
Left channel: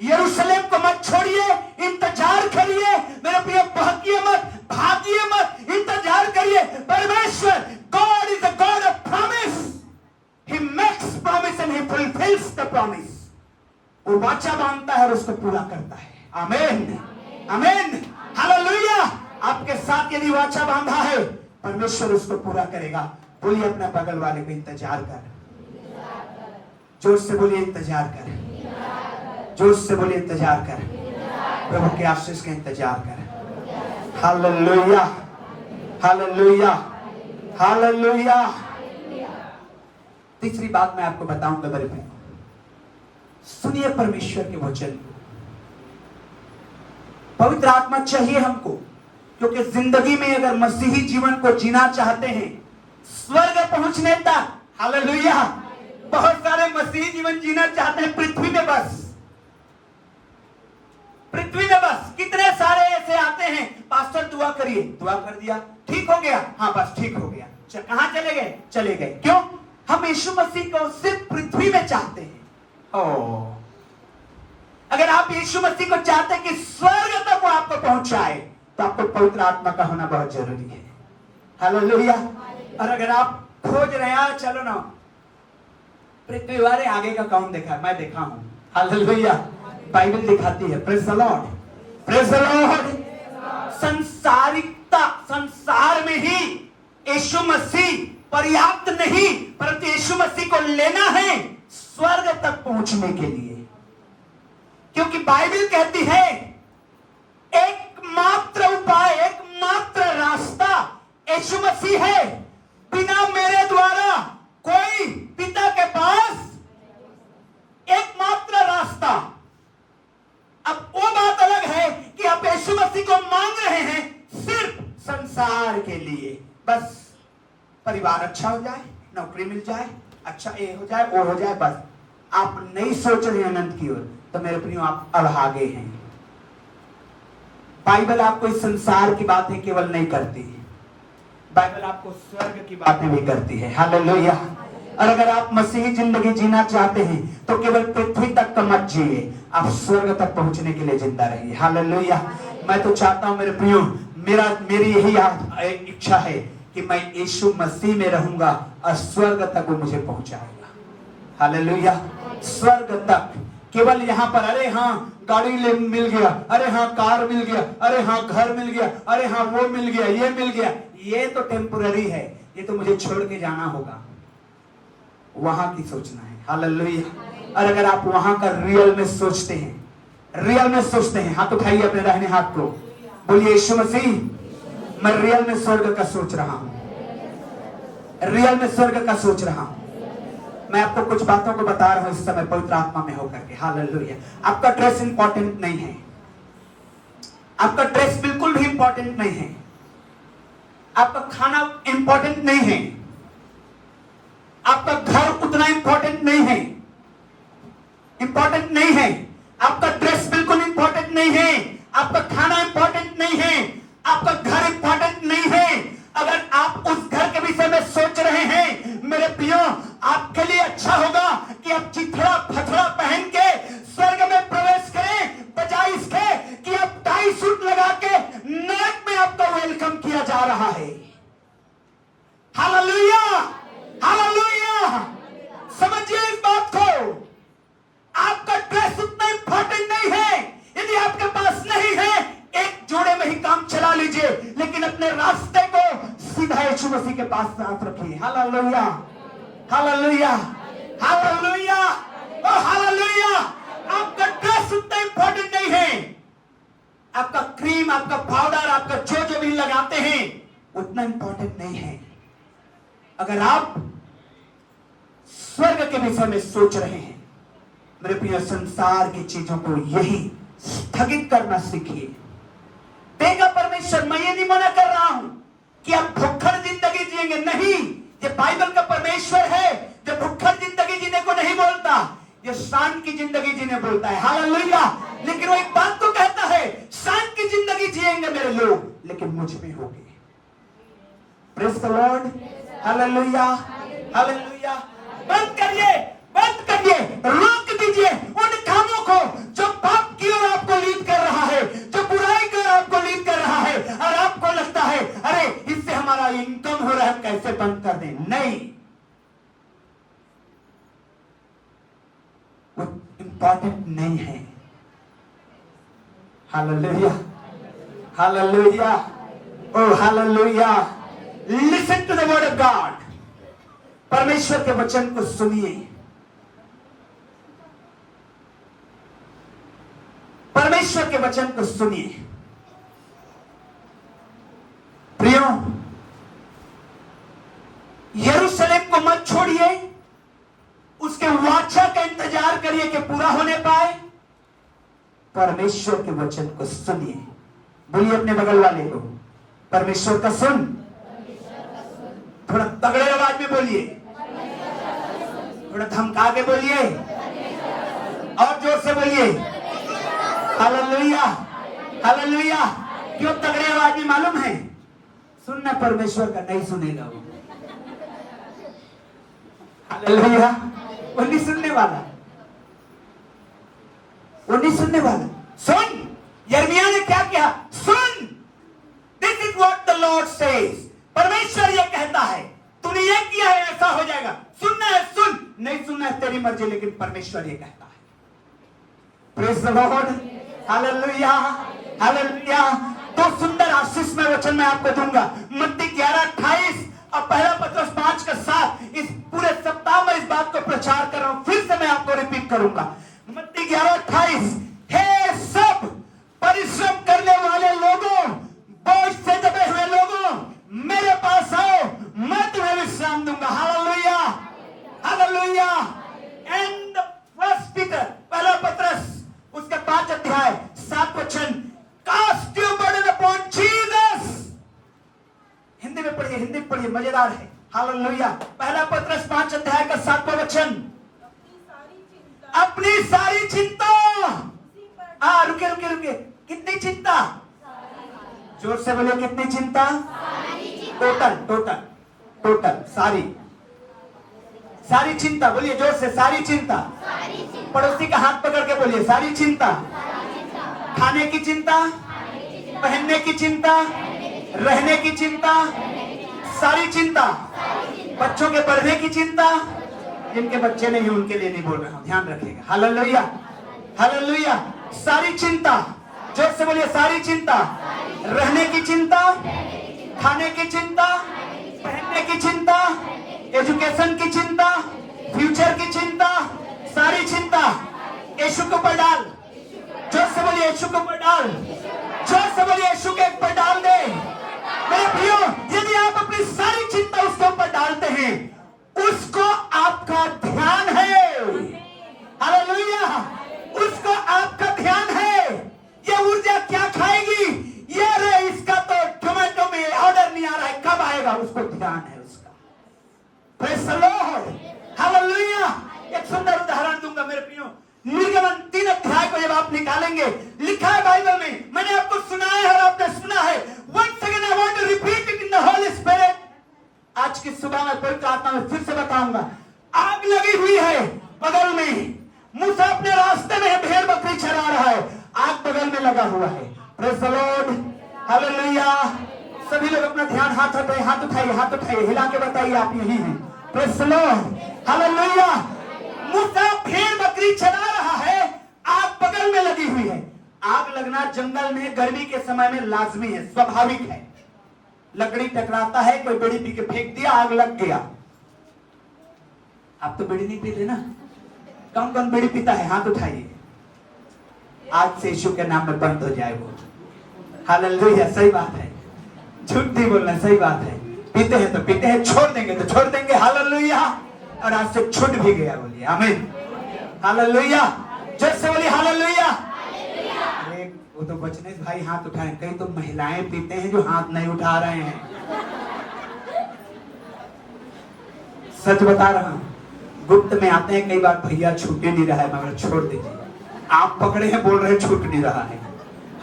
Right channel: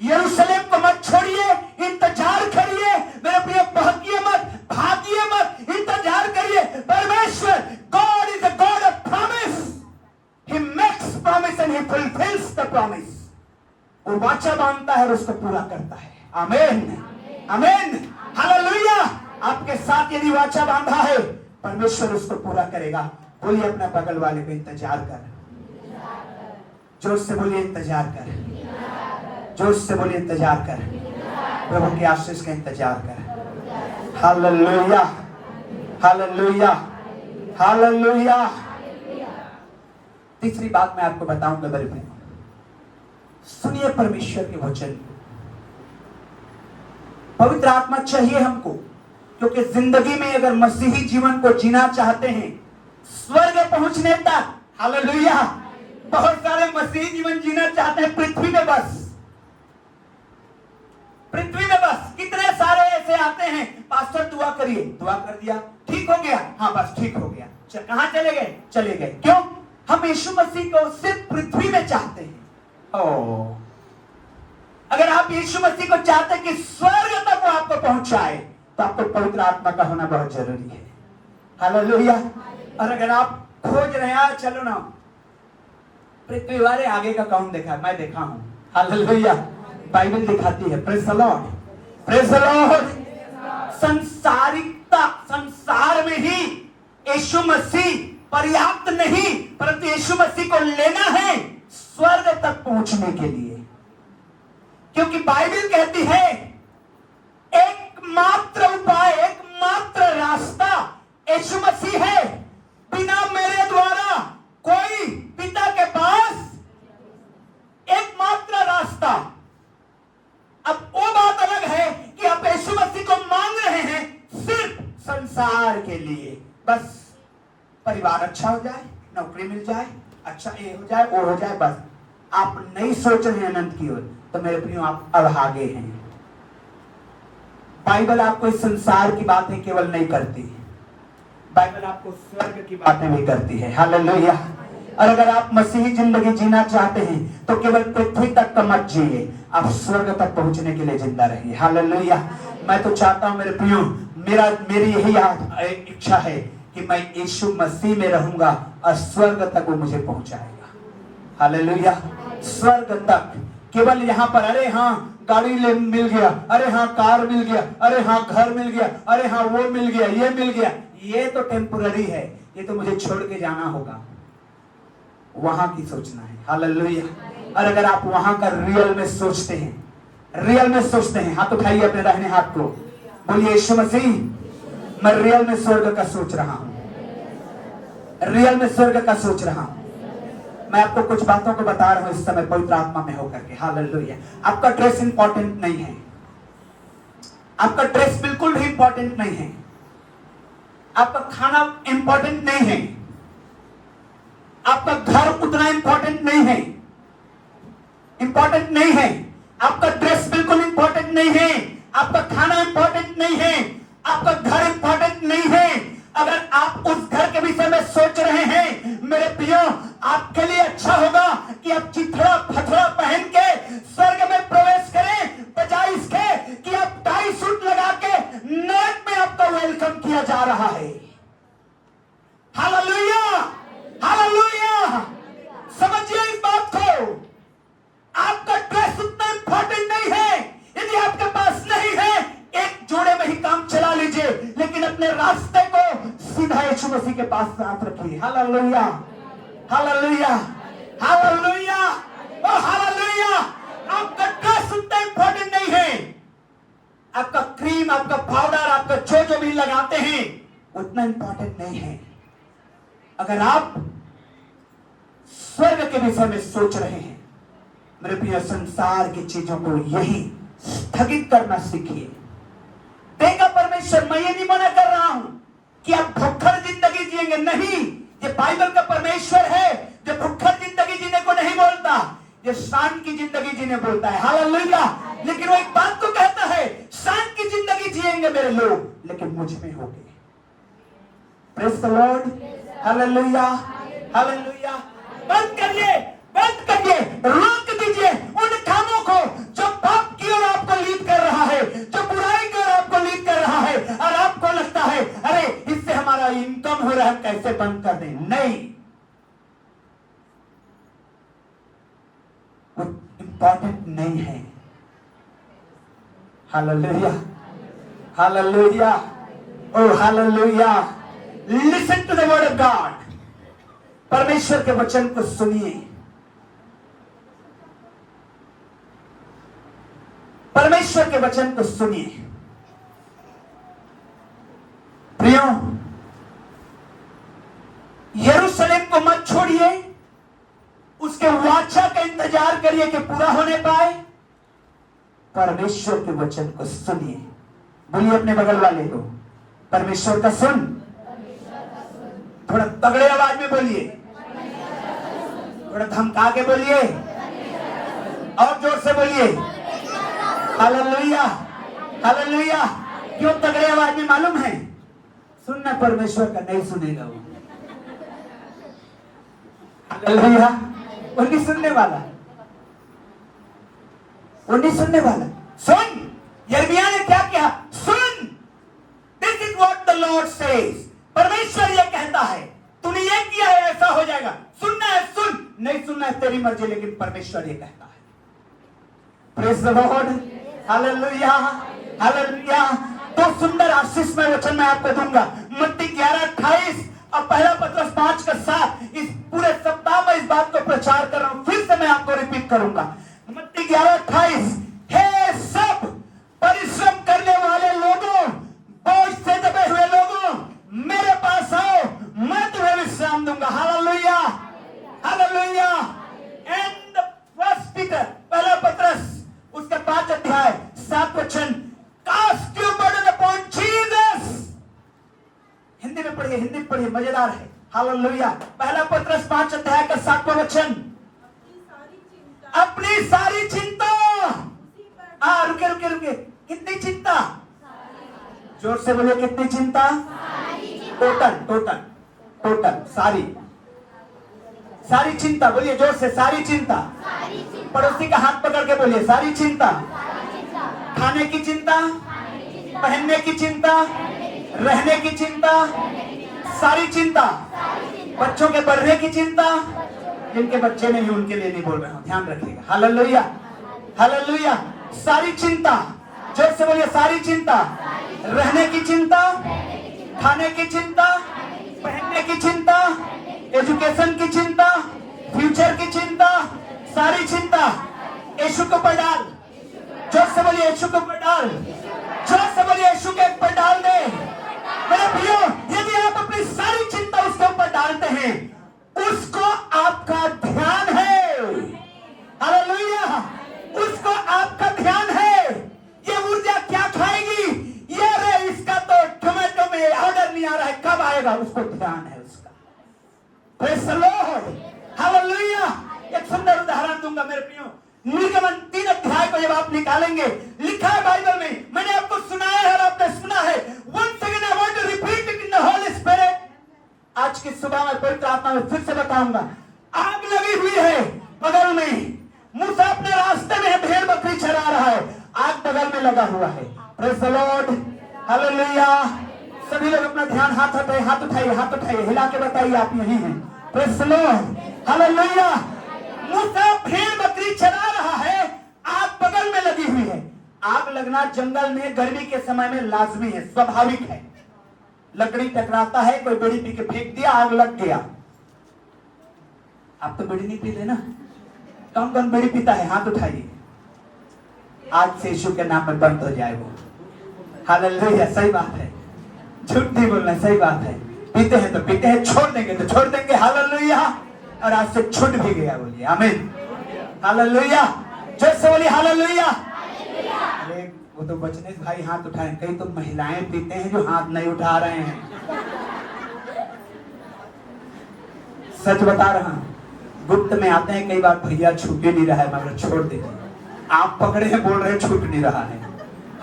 यरूशलेम को मत छोड़िए, इंतजार करिए। मेरे प्रिय, बहकिए मत, भागिए मत, इंतजार करिए। परमेश्वर, God is a God of promise. He makes promise and he fulfils the promise. वो वाचा बांधता है और उसको पूरा करता है। आमीन, आमीन, हालेलुया। आपके साथ यदि वाचा बांधा है, परमेश्वर उसको पूरा करेगा। बोलिए अपना बगल वाले को, इंतजार कर। जोर से बोलिए, इंतजार कर। जोर से बोलिए, इंतजार कर। प्रभु के आशीष का इंतजार कर। Hallelujah, hallelujah, hallelujah. तीसरी बात मैं आपको बताऊंगा मेरे भाई, सुनिए परमेश्वर के वचन। पवित्र आत्मा चाहिए हमको, क्योंकि जिंदगी में अगर मसीही जीवन को जीना चाहते हैं, स्वर्ग पहुंचने तक, हालेलुया, बहुत सारे मसीही जीवन जीना चाहते हैं पृथ्वी में, बस पृथ्वी में बस। कितने सारे ऐसे आते हैं, पास्टर दुआ करिए, दुआ कर दिया, ठीक हो गया, हाँ बस ठीक हो गया, कहां चले गए? चले गए। क्यों? हम यीशु मसीह को सिर्फ पृथ्वी में चाहते हैं। अगर आप यीशु मसीह को चाहते हैं कि स्वर्ग तक वो आपको पहुंचाए, तो आपको पवित्र आत्मा का होना बहुत जरूरी है। हालेलुया। और अगर आप खोज रहे हैं, चलो ना पृथ्वी वाले आगे का कौन देखा? मैं देखा हूं। हालेलुया। बाइबल दिखाती है। Praise the Lord, praise the Lord. संसारिकता, संसार में ही यीशु मसीह पर्याप्त नहीं, परंतु यीशु मसीह को लेना है स्वर्ग तक पहुंचने के लिए। क्योंकि बाइबल कहती है एकमात्र उपाय, एकमात्र रास्ता यीशु मसीह है। बिना मेरे द्वारा कोई पिता के पास, एकमात्र रास्ता। अब वो बात अलग है कि आप यीशु मसीह को मांग रहे हैं सिर्फ संसार के लिए, बस परिवार अच्छा हो जाए, नौकरी मिल जाए, अच्छा ये हो जाए, वो हो जाए, बस। आप नहीं सोच रहे हैं अनंत की ओर, तो मेरे प्रियो आप अभागे हैं। बाइबल आपको इस संसार की बातें केवल नहीं करती है, बाइबल आपको स्वर्ग की बातें भी करती है। हालेलुया। और अगर आप मसीही जिंदगी जीना चाहते हैं तो केवल पृथ्वी तक का मत जिए, आप स्वर्ग तक पहुंचने के लिए जिंदा रहिए। हालेलुया। मैं तो चाहता हूं मेरे प्रियो, मेरी यही इच्छा है कि मैं यीशु मसीह में रहूंगा और स्वर्ग तक वो मुझे पहुंचाएगा। हालेलुया। स्वर्ग तक। केवल यहाँ पर अरे हाँ गाड़ी मिल गया, अरे हाँ कार मिल गया, अरे हाँ घर मिल गया, अरे हाँ वो मिल गया, ये मिल गया, ये तो टेम्पोररी है, ये तो मुझे छोड़ के जाना होगा। वहां की सोचना है। हालेलुया। और अगर आप वहां का रियल में सोचते हैं, रियल में सोचते हैं, हाथ उठाइए अपने दाहिने हाथ को, बोलिए यीशु मसीह मैं रियल में स्वर्ग का सोच रहा हूं, रियल में स्वर्ग का सोच रहा हूं। मैं आपको कुछ बातों को बता रहा हूं इस समय पवित्र आत्मा में होकर के। हालेलुया। आपका ड्रेस इंपॉर्टेंट नहीं है, आपका ड्रेस बिल्कुल भी इंपॉर्टेंट नहीं है, आपका खाना इंपॉर्टेंट नहीं है, आपका घर उतना इंपॉर्टेंट नहीं है, इंपॉर्टेंट नहीं है, आपका ड्रेस बिल्कुल इंपॉर्टेंट नहीं है, आपका खाना इंपॉर्टेंट नहीं है, आपका घर इंपॉर्टेंट नहीं है। अगर आप उस घर के विषय में सोच रहे हैं मेरे प्रियो, आपके लिए अच्छा होगा कि आप चिथड़ा फथड़ा पहन के स्वर्ग में प्रवेश करें, बजाय इसके कि आप टाई सूट लगा के नरक में आपका वेलकम किया जा रहा है। Hallelujah, hallelujah. समझिए इस बात को। आपका ड्रेस उतना इंपॉर्टेंट नहीं है, यदि आपके पास नहीं है एक जोड़े में ही काम चला लीजिए, लेकिन अपने रास्ते को सीधा यीशु मसीह के पास साथ रखिए। हालेलुया, हालेलुया, हालेलुया, और हालेलुया। आपका ड्रेस उतना इंपॉर्टेंट नहीं है, आपका क्रीम, आपका पाउडर, आपका जो भी लगाते हैं उतना इंपॉर्टेंट नहीं है। अगर आप स्वर्ग के विषय में सोच रहे हैं मेरे प्रिय, संसार की चीजों को यही स्थगित करना सीखिए। देगा परमेश्वर, मैं ये नहीं मना कर रहा हूं कि आप भुक्खड़ जिंदगी जिएंगे, नहीं। ये बाइबल का परमेश्वर है जो भुक्खड़ जिंदगी जीने को नहीं बोलता, ये शांत की जिंदगी जीने बोलता है। हालेलुया। लेकिन वो एक बात को कहता है, शांत की जिंदगी जिएंगे मेरे लोग, लेकिन मुझ में होंगे। Praise the Lord. Hallelujah, hallelujah. बंद करिए, बंद करिए, रोक दीजिए उन कामों को जो पाप की ओर आपको लीड कर रहा है, जो बुराई की ओर आपको लीड कर रहा है, और आपको लगता है अरे इससे हमारा इनकम हो रहा है, कैसे बंद कर दें। नहीं, वो इंपॉर्टेंट नहीं है। Hallelujah, hallelujah, oh hallelujah. Listen to the word of God. परमेश्वर के वचन को सुनिए, परमेश्वर के वचन को सुनिए। प्रियो, यरूशलेम को मत छोड़िए, उसके वाचा का इंतजार करिए कि पूरा होने पाए। परमेश्वर के वचन को सुनिए। बोलिए अपने बगल वाले को, परमेश्वर का सुन। थोड़ा तगड़े आवाज में बोलिए, थोड़ा धमका के बोलिए, और जोर से बोलिए। Hallelujah, hallelujah. क्यों तगड़े आवाज में मालूम है? सुनना परमेश्वर का नहीं सुनेगा वो। हालेलुया। वो नहीं सुनने वाला, वो नहीं सुनने वाला। सुन, यिर्मयाह ने क्या किया? सुन, this is what the Lord says. परमेश्वर ये कहता है, तूने ये किया है ऐसा हो जाएगा, सुनना है सुन, नहीं सुनना है तेरी मर्जी, लेकिन परमेश्वर ये कहता है। Praise the Lord, hallelujah, hallelujah. तो सुंदर आशीष में वचन मैं आपको दूंगा, मत्ती 11:28 और पहला पत्रस 5:7। इस पूरे सप्ताह में इस बात को प्रचार कर रहा हूं, फिर से मैं आपको रिपीट करूंगा। मत्ती 11:28, हे सब परिश्रम करने वाले लोगों, बोझ से दबे हुए लोगों, मेरे पास आओ, मैं तुम्हें विश्राम दूंगा। Hallelujah, hallelujah. And first Peter, पहला पत्रस उसका 5:7 cast your burden upon Jesus. Hindi में पढ़िए, हिंदी में पढ़िए, मजेदार है। हालेलुया। पहला पत्रस 5:7 अपनी सारी चिंता, रुके रुके रुके, कितनी चिंता? जोर से बोलिए, कितनी चिंता? टोटल टोटल टोटल, सारी सारी चिंता। बोलिए जोर से, सारी चिंता। पड़ोसी का हाथ पकड़ के बोलिए, सारी चिंता। खाने की चिंता, पहनने की चिंता, रहने की चिंता, सारी चिंता। बच्चों के पढ़ने की चिंता, जिनके बच्चे नहीं उनके लिए नहीं बोल रहा हूं, ध्यान रखिएगा। Hallelujah, hallelujah. सारी चिंता, जोर से बोलिए, सारी चिंता। रहने की चिंता, खाने की चिंता, पहनने की चिंता, एजुकेशन की चिंता, फ्यूचर की चिंता, सारी चिंता यीशु के ऊपर डाल। जोर से बोलिए, यीशु के ऊपर डाल। जोर से बोलिए, यीशु के ऊपर डाल दे। मेरे प्रियो, यदि आप अपनी सारी चिंता उसके ऊपर डालते हैं, उसको आपका ध्यान है। हालेलुया, उसको आपका ध्यान है। ये ऊर्जा क्या खाएगी? ये रे, इसका तो टोमेटो में ऑर्डर नहीं आ रहा है, कब आएगा? उसको ध्यान है उसका। Praise the Lord, hallelujah. एक सुंदर उदाहरण दूंगा मेरे प्रियो। निर्गमन 3 को जब आप निकालेंगे, लिखा है बाइबल में, मैंने आपको सुनाया है और आपने सुना है। Once again I want to repeat it in the Holy Spirit. आज की सुबह में पवित्र आत्मा में फिर से बताऊंगा। आग लगी हुई है बगल में, मूसा अपने रास्ते में भेड़ बकरी चरा रहा है, आग बगल में लगा हुआ है। Praise the Lord, hallelujah. सभी लोग अपना ध्यान हाथ उठाइए, हाथ उठाइए, हाथ उठाइए, हिला के बताइए आप यही हैं। Praise the Lord, hallelujah. मूसा भेड़ बकरी चरा रहा है, आग बगल में लगी हुई है। आग लगना जंगल में गर्मी के समय में लाजमी है, स्वाभाविक है। लकड़ी टकराता है, कोई बीड़ी पी के फेंक दिया, आग लग गया। आप तो बीड़ी नहीं पीते ना? कौन कौन बीड़ी पीता है? हाथ उठाइए। आज से यीशु के नाम में बंद हो जाए वो। हालेलुया, सही बात है, झूठ नहीं बोलना, सही बात है। पीते हैं तो पीते हैं, छोड़ देंगे तो छोड़ देंगे। हालेलुया। और आज से छूट भी गया, बोलिए आमीन। हालेलुया, जय से बोलिए हालेलुया। अरे वो तो बचने भाई हाथ उठाए, कई तो महिलाएं पीते हैं जो हाथ नहीं उठा रहे हैं। सच बता रहा हूं, गुप्त में आते हैं कई बार, भैया छूट नहीं रहा है, मगर छोड़ दीजिए। आप पकड़े हैं, बोल रहे छूट नहीं रहा है।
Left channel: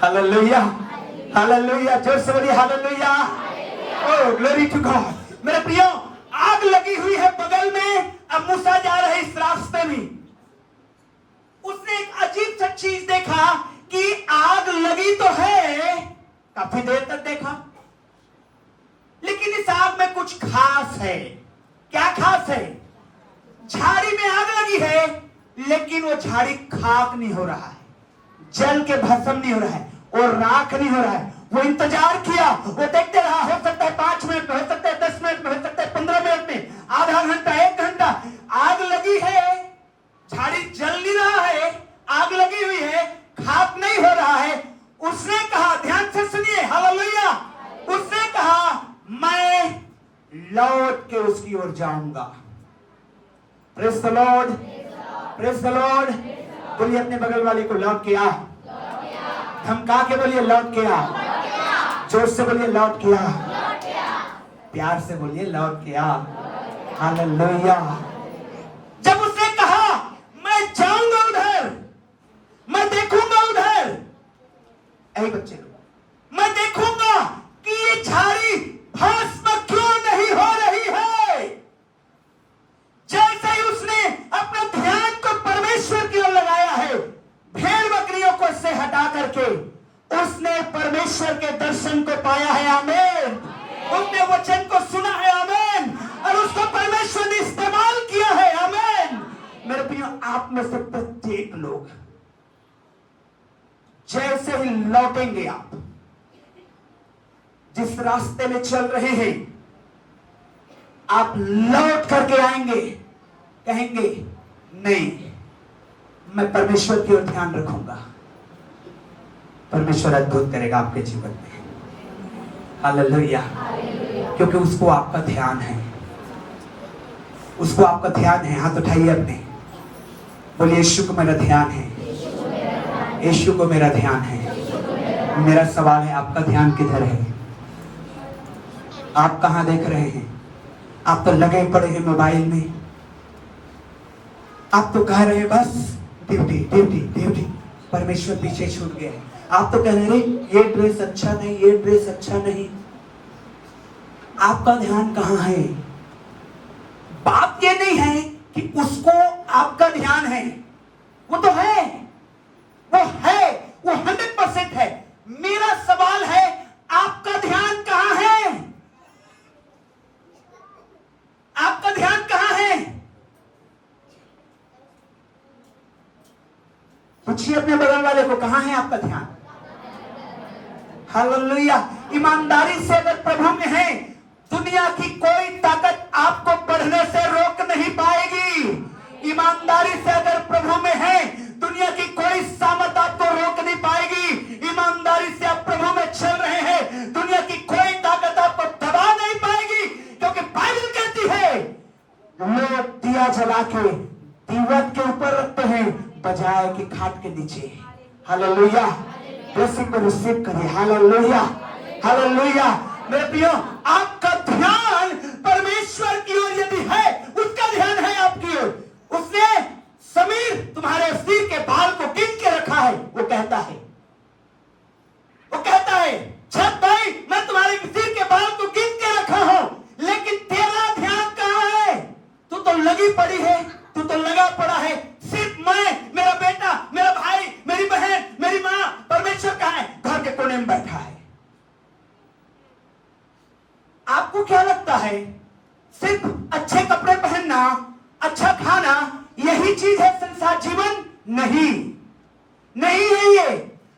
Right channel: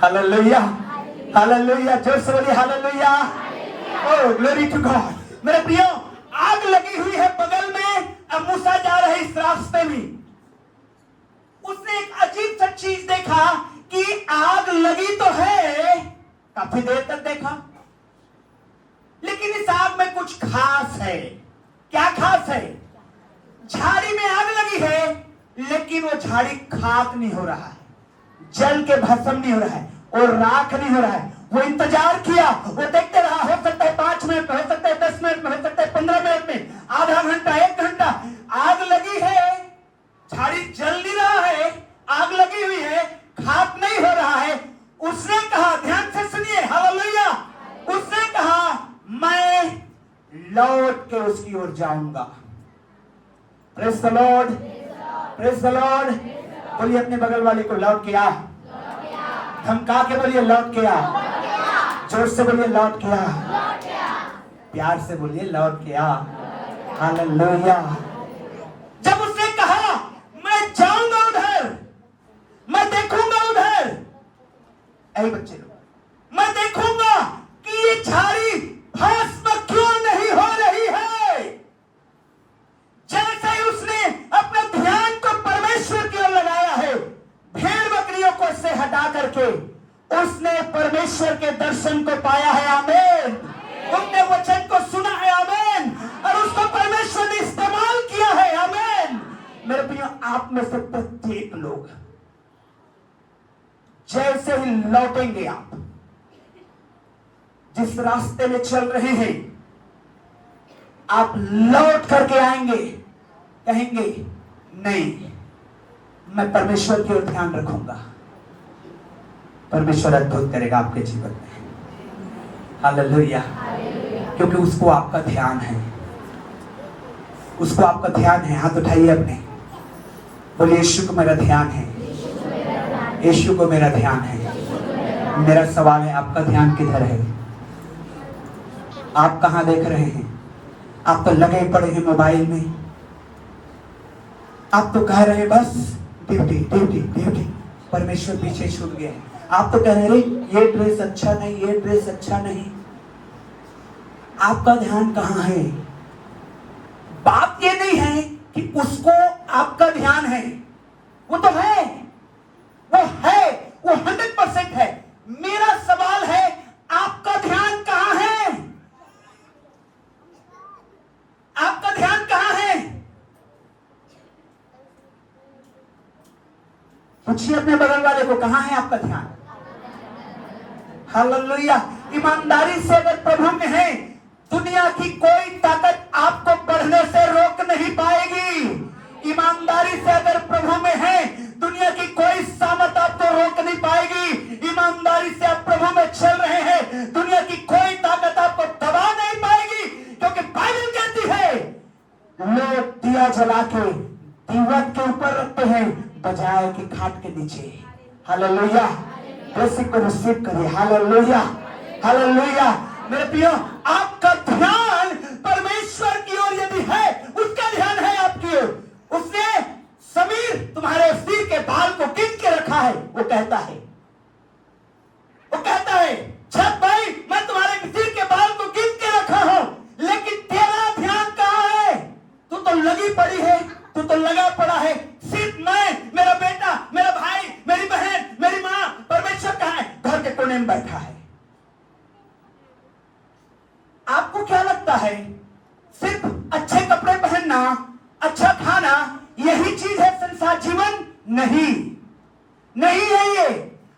हालेलुया, हालेलुया, जोर से बोलिए hallelujah. Oh glory to God. मेरे प्रियो, आग लगी हुई है बगल में, अब मूसा जा रहे इस रास्ते में। उसने एक अजीब सा चीज देखा कि आग लगी तो है, काफी देर तक देखा, लेकिन इस आग में कुछ खास है। क्या खास है? झाड़ी में आग लगी है, लेकिन वो झाड़ी खाक नहीं हो रहा है, जल के भस्म नहीं हो रहा है, और राख नहीं हो रहा है। वो इंतजार किया, वो देखते रहा, हो सकता है 5 मिनट में, हो सकता है 10 मिनट में, हो सकता है 15 मिनट में, आधा घंटा, 1 घंटा। आग लगी है, झाड़ी जल नहीं रहा है, आग लगी हुई है, खाक नहीं हो रहा है। उसने कहा, ध्यान से सुनिए, हालेलुया, उसने कहा मैं लौट के उसकी ओर जाऊंगा। Praise the Lord, praise the Lord. बोलिए अपने बगल वाले को, लौट के आ। धमका के बोलिए, लौट के आ। जोर से बोलिए, लौट के आ। प्यार से बोलिए, लौट के आ। हालेलुया। जब उसने कहा मैं जाऊंगा उधर, मैं देखूंगा उधर, ऐ बच्चे, मैं देखूंगा कि ये झाड़ी भस्म क्यों नहीं हो रही है। जैसे ही उसने अपने ध्यान को परमेश्वर की ओर लगाया है, भेड़ बकरियों को से हटा करके उसने परमेश्वर के दर्शन को पाया है। आमीन। उनने वचन को सुना है। आमीन। और मेरे प्रियो, आप में से प्रत्येक लोग जैसे ही लौटेंगे, आप जिस रास्ते में चल रहे हैं, आप लौट करके आएंगे, कहेंगे नहीं, मैं परमेश्वर की ओर ध्यान रखूंगा। परमेश्वर अद्भुत करेगा आपके जीवन में। हालेलुया। क्योंकि उसको आपका ध्यान है, उसको आपका ध्यान है। हाथ उठाइए अपने, बोलिए यीशु को मेरा ध्यान है, यीशु को मेरा ध्यान है। मेरा सवाल है, आपका ध्यान किधर है? आप कहां देख रहे हैं? आप तो लगे पड़े हैं मोबाइल में, आप तो कह रहे हैं बस ड्यूटी ड्यूटी ड्यूटी, परमेश्वर पीछे छूट गया है। आप तो कह रहे हैं ये ड्रेस अच्छा नहीं, ये ड्रेस अच्छा नहीं। आपका ध्यान कहां है? बात ये नहीं है कि उसको आपका ध्यान है, वो तो है, वो है, वो 100% है। मेरा सवाल है, आपका ध्यान कहां है? आपका ध्यान कहां है? पूछिए अपने बगल वाले को, कहां है आपका ध्यान? हालेलुया। ईमानदारी से अगर प्रभु में है, दुनिया की कोई ताकत आपको बढ़ने से रोक नहीं पाएगी। ईमानदारी से अगर प्रभु में है, दुनिया की कोई सामर्थ आपको रोक नहीं पाएगी। ईमानदारी से आप प्रभु में चल रहे हैं, दुनिया की कोई ताकत आपको दबा नहीं पाएगी। क्योंकि बाइबल कहती है, लोग दिया जला के दीवट के ऊपर रखते हैं, बजाय कि खाट के नीचे। हालेलुया। उसी को रिसीव करिए। Hallelujah, hallelujah. मेरे प्रियो, आपका ध्यान परमेश्वर की ओर यदि है, उसका ध्यान है आपकी ओर। उसने समीर तुम्हारे सिर के बाल को गिन के रखा है। वो कहता है छत भाई, मैं तुम्हारे सिर के बाल को गिन के रखा हूं, लेकिन तेरा ध्यान कहां है? तू तो लगी पड़ी है, तू तो लगा पड़ा है। सिर्फ मैं, मेरा बेटा, मेरा भाई, मेरी बहन, मेरी मां, परमेश्वर कहां है? घर के कोने में बैठा है। आपको क्या लगता है सिर्फ अच्छे कपड़े पहनना, अच्छा खाना, यही चीज है संसार जीवन? नहीं, नहीं है ये।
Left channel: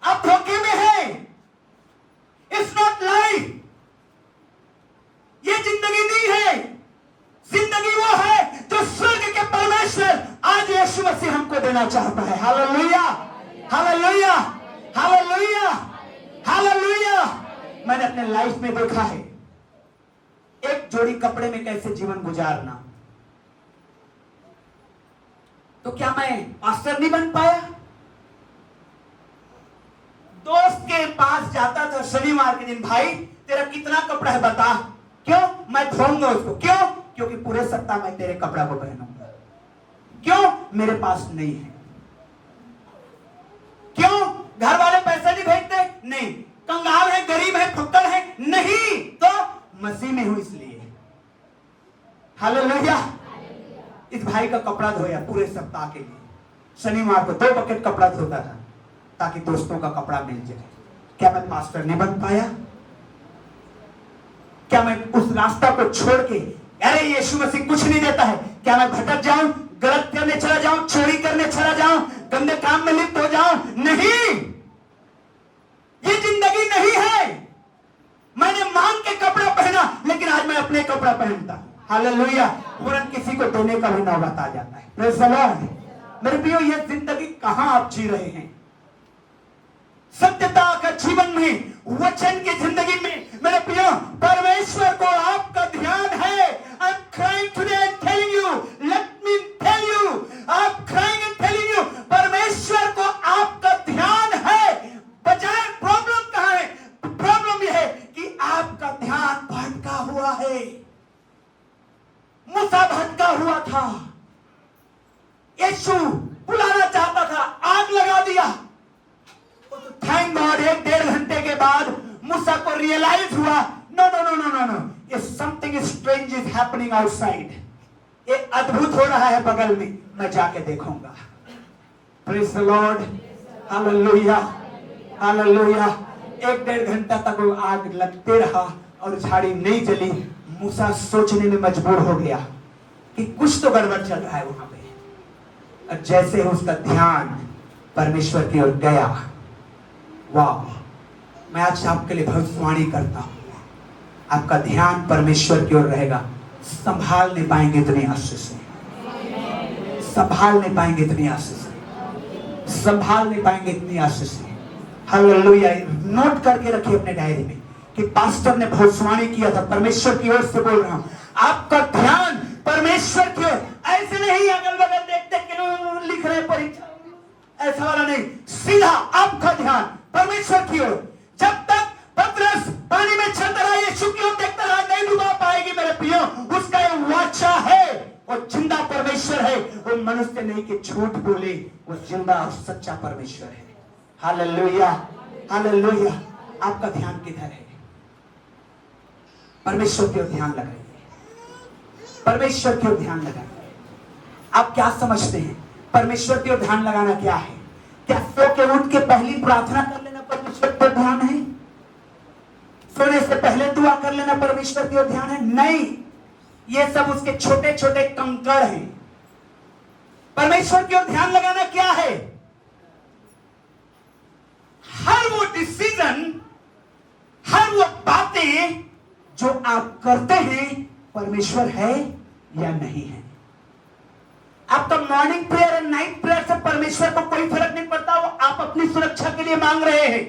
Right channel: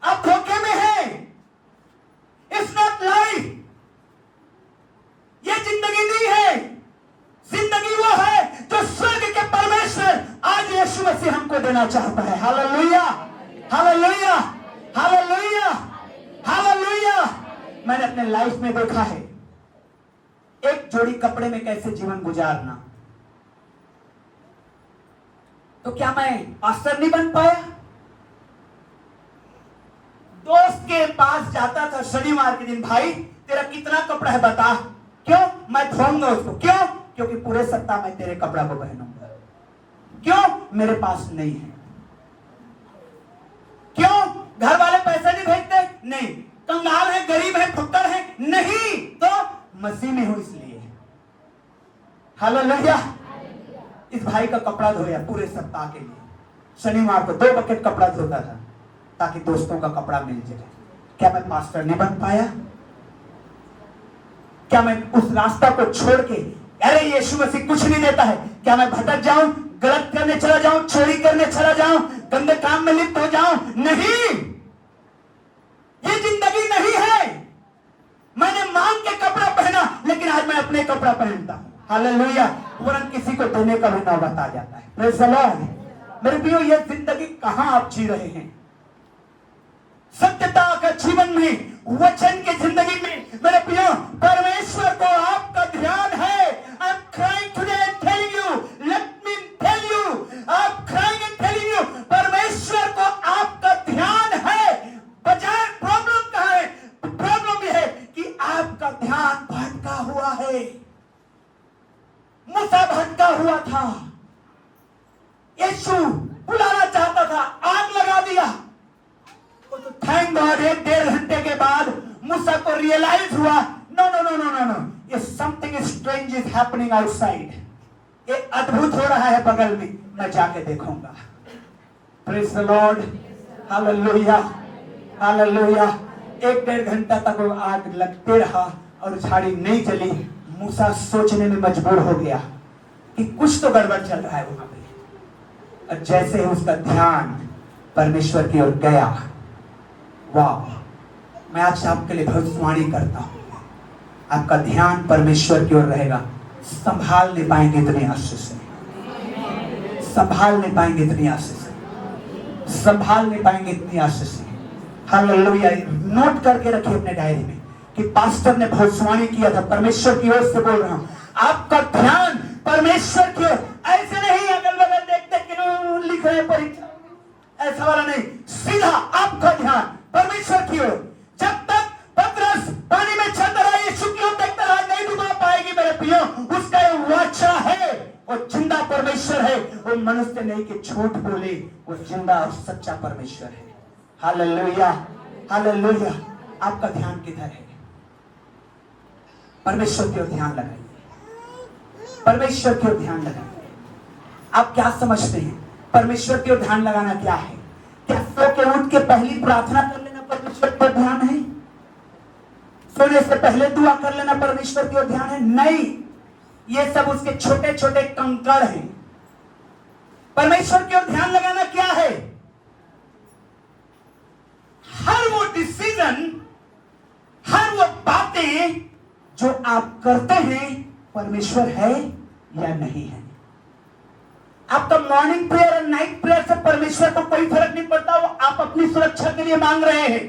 आप धोखे में हैं। It's not life. ये जिंदगी नहीं है। जिंदगी वो है जो स्वर्ग के परमेश्वर आज यीशु मसीह हमको देना चाहता है। Hallelujah, hallelujah, hallelujah, hallelujah. मैंने अपने लाइफ में देखा है एक जोड़ी कपड़े में कैसे जीवन गुजारना। तो क्या मैं पास्टर नहीं बन पाया? दोस्त के पास जाता था शनिवार के दिन, भाई तेरा कितना कपड़ा है बता। क्यों? मैं धोऊंगा उसको। क्यों? क्योंकि पूरे सप्ताह में तेरे कपड़ा को पहनूंगा। क्यों? मेरे पास नहीं है। क्यों? घर वाले पैसे नहीं भेजते? नहीं। कंगाल है, गरीब है, फुक्कर है? नहीं। तो मसीह में हूं इसलिए। हालेलुया। इस भाई का कपड़ा धोया पूरे सप्ताह के लिए। शनिवार को 2 बकेट कपड़ा धोता था ताकि दोस्तों का कपड़ा मिल जाए। क्या मैं पास्टर नहीं बन पाया? क्या मैं उस रास्ता को छोड़ के, अरे यीशु मसीह कुछ नहीं देता है, क्या मैं भटक जाऊं, गलत करने चला जाऊं, चोरी करने चला जाऊं, गंदे काम में लिप्त हो जाऊं? नहीं, ये जिंदगी नहीं है। मैंने मांग के कपड़ा पहना, लेकिन आज मैं अपने कपड़ा पहनता हूं। हालेलुया। तुरंत किसी को देने का भी नौबत आ जाता है। Praise the Lord. मेरे प्रियो, ये जिंदगी कहां आप जी रहे हैं? सत्यता का जीवन में, वचन की जिंदगी में मेरे प्रियो, परमेश्वर को आपका ध्यान है। I am crying today and telling you, let me tell you, I am crying and telling you, परमेश्वर को आपका ध्यान है। बजाय प्रॉब्लम कहां है? प्रॉब्लम यह है कि आपका ध्यान भटका हुआ है। मूसा भटका हुआ था। यीशु बुलाना चाहता था, आग लगा दिया। तो थैंक गॉड, 1-1.5 घंटे के बाद मूसा को रियलाइज हुआ, no no no no no no, ये something strange is happening outside. ये अद्भुत हो रहा है बगल में, मैं जाके देखूंगा। Praise the Lord. Hallelujah, hallelujah. 1-1.5 घंटा तक वो आग लगते रहा और झाड़ी नहीं जली। मूसा सोचने में मजबूर हो गया कि कुछ तो गड़बड़ चल रहा है वहां पे। और जैसे ही उसका ध्यान परमेश्वर की ओर गया, वाह, मैं आज आपके लिए भविष्यवाणी करता हूं, आपका ध्यान परमेश्वर की ओर रहेगा, संभाल नहीं पाएंगे इतनी आशीष से, संभाल नहीं पाएंगे इतनी आशीष से, संभाल नहीं पाएंगे इतनी आशीष से। हालेलुया। नोट करके रखिए अपने डायरी में कि पास्टर ने भविष्यवाणी किया था, परमेश्वर की ओर से बोल रहा हूं, आपका ध्यान परमेश्वर की ओर, ऐसे नहीं अगल बगल देखते क्यों लिख रहे परीक्षा, ऐसा वाला नहीं, सीधा आपका ध्यान परमेश्वर की ओर। जब तक पतरस पानी में चलता रहा, यीशु की ओर देखता रहा, नहीं डूबा पाएगी मेरे प्रियो, उसका ये वाचा है, वो जिंदा परमेश्वर है, वो मनुष्य नहीं कि झूठ बोले, वो जिंदा और सच्चा परमेश्वर है। Hallelujah, hallelujah. आपका ध्यान किधर है? परमेश्वर की ओर ध्यान लगाइए, परमेश्वर की ओर ध्यान लगाइए। आप क्या समझते हैं परमेश्वर की ओर ध्यान लगाना क्या है? क्या सो के उठ के पहली प्रार्थना कर लेना परमेश्वर की ओर ध्यान है? सोने से पहले दुआ कर लेना परमेश्वर की ओर ध्यान है? नहीं, ये सब उसके छोटे छोटे कंकड़ हैं। परमेश्वर की ओर ध्यान लगाना क्या है? हर वो डिसीजन, हर वो बातें जो आप करते हैं, परमेश्वर है या नहीं है। आपका मॉर्निंग प्रेयर और नाइट प्रेयर से परमेश्वर को कोई फर्क नहीं पड़ता, वो आप अपनी सुरक्षा के लिए मांग रहे हैं।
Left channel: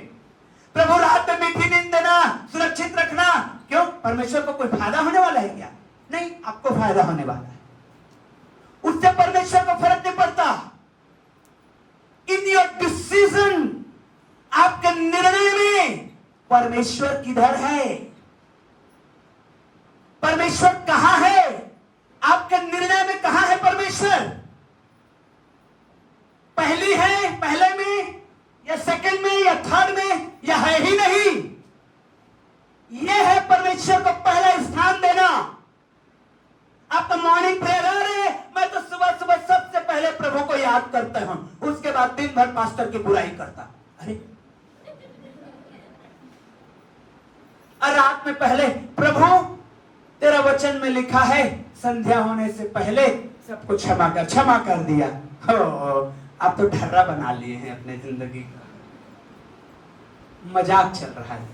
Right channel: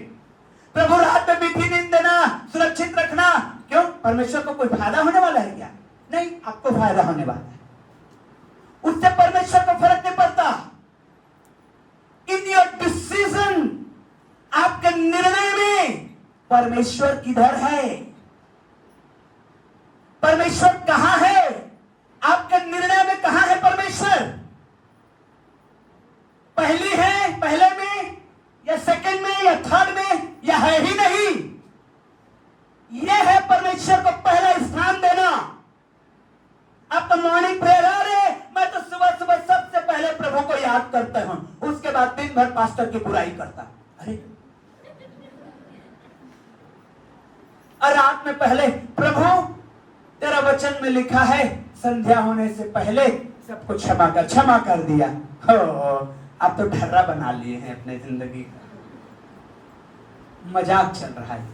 प्रभु रात में मीठी नींद देना, सुरक्षित रखना, क्यों? परमेश्वर को कोई फायदा होने वाला है क्या? नहीं, आपको फायदा होने वाला है, उससे परमेश्वर को फर्क नहीं पड़ता। इन योर डिसीजन, आपके निर्णय में परमेश्वर किधर है? परमेश्वर कहां है? आपके निर्णय में कहां है परमेश्वर? पहली है, पहले में या सेकंड में या थर्ड में, या है ही नहीं? यह है परमेश्वर को पहला स्थान देना। आपका मॉर्निंग प्रेयर, अरे मैं तो सुबह सुबह सबसे पहले प्रभु को याद करता हूं, उसके बाद दिन भर पास्टर की बुराई करता। अरे, और रात में पहले प्रभु तेरा वचन में लिखा है संध्या होने से पहले सबको क्षमा कर दिया। हो, आप तो ढर्रा बना लिए हैं अपने जिंदगी का, मजाक चल रहा है।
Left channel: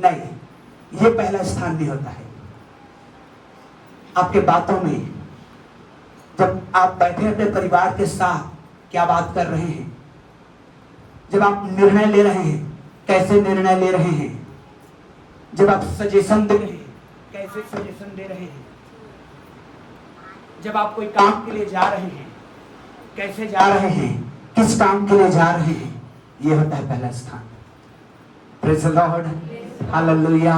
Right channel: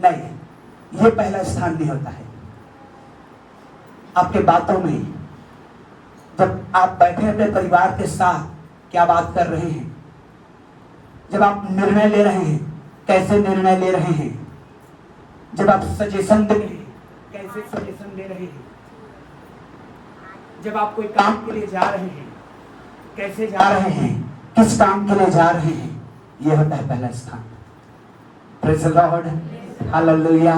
नहीं, ये पहला स्थान नहीं होता है। आपके बातों में, जब आप बैठे अपने परिवार के साथ क्या बात कर रहे हैं, जब आप निर्णय ले रहे हैं, कैसे निर्णय ले रहे हैं, जब आप सजेशन दे रहे हैं, कैसे सजेशन दे रहे हैं, जब आप कोई काम के लिए जा रहे हैं, कैसे जा रहे हैं, किस काम के लिए जा रहे हैं, यह होता है पहला स्थान। Praise the Lord, hallelujah.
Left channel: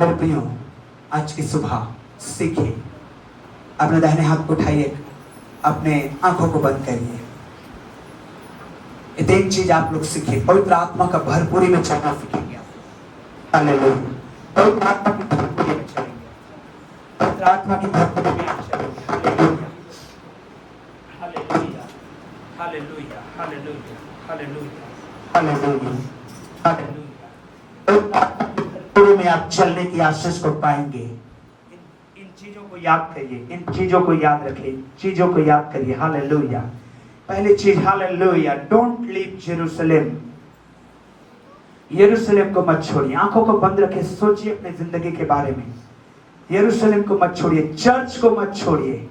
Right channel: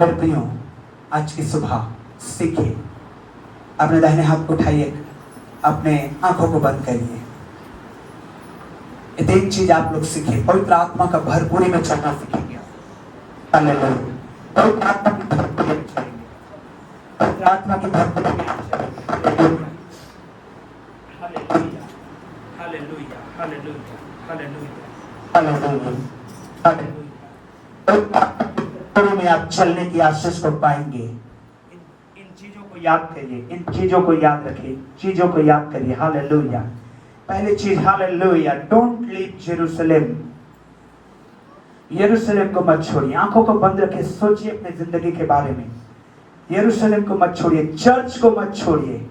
मेरे प्रियो, आज की सुबह सीखिए, अपने दाहिने हाथ को उठाइए, अपने आंखों को बंद करिए। तीन चीज आप लोग सीखिए। पवित्र आत्मा का भरपूरी में चलना सीखेंगे आप। हालेलुया। पवित्र आत्मा की भरपूरी में चलेंगे, पवित्र आत्मा की भरपूरी में चलेंगे। Hallelujah, hallelujah, hallelujah, hallelujah, hallelujah, hallelujah. पवित्र आत्मा की भरपूरी में आप चलने की आशीष को पाएंगे। इन चीजों को याद करिए, इन चीजों को याद रखिए, चीजों को याद करिए। हालेलुया। पहली चीज, हालेलुया, डोंट लीव जेरूशलेम। यरूशलेम को मत छोड़िए। आंखों को बंद रखे, सोचिए अपनी जिंदगी के बारे में। यरूशलेम को मत छोड़िए, चर्च को मत छोड़िए।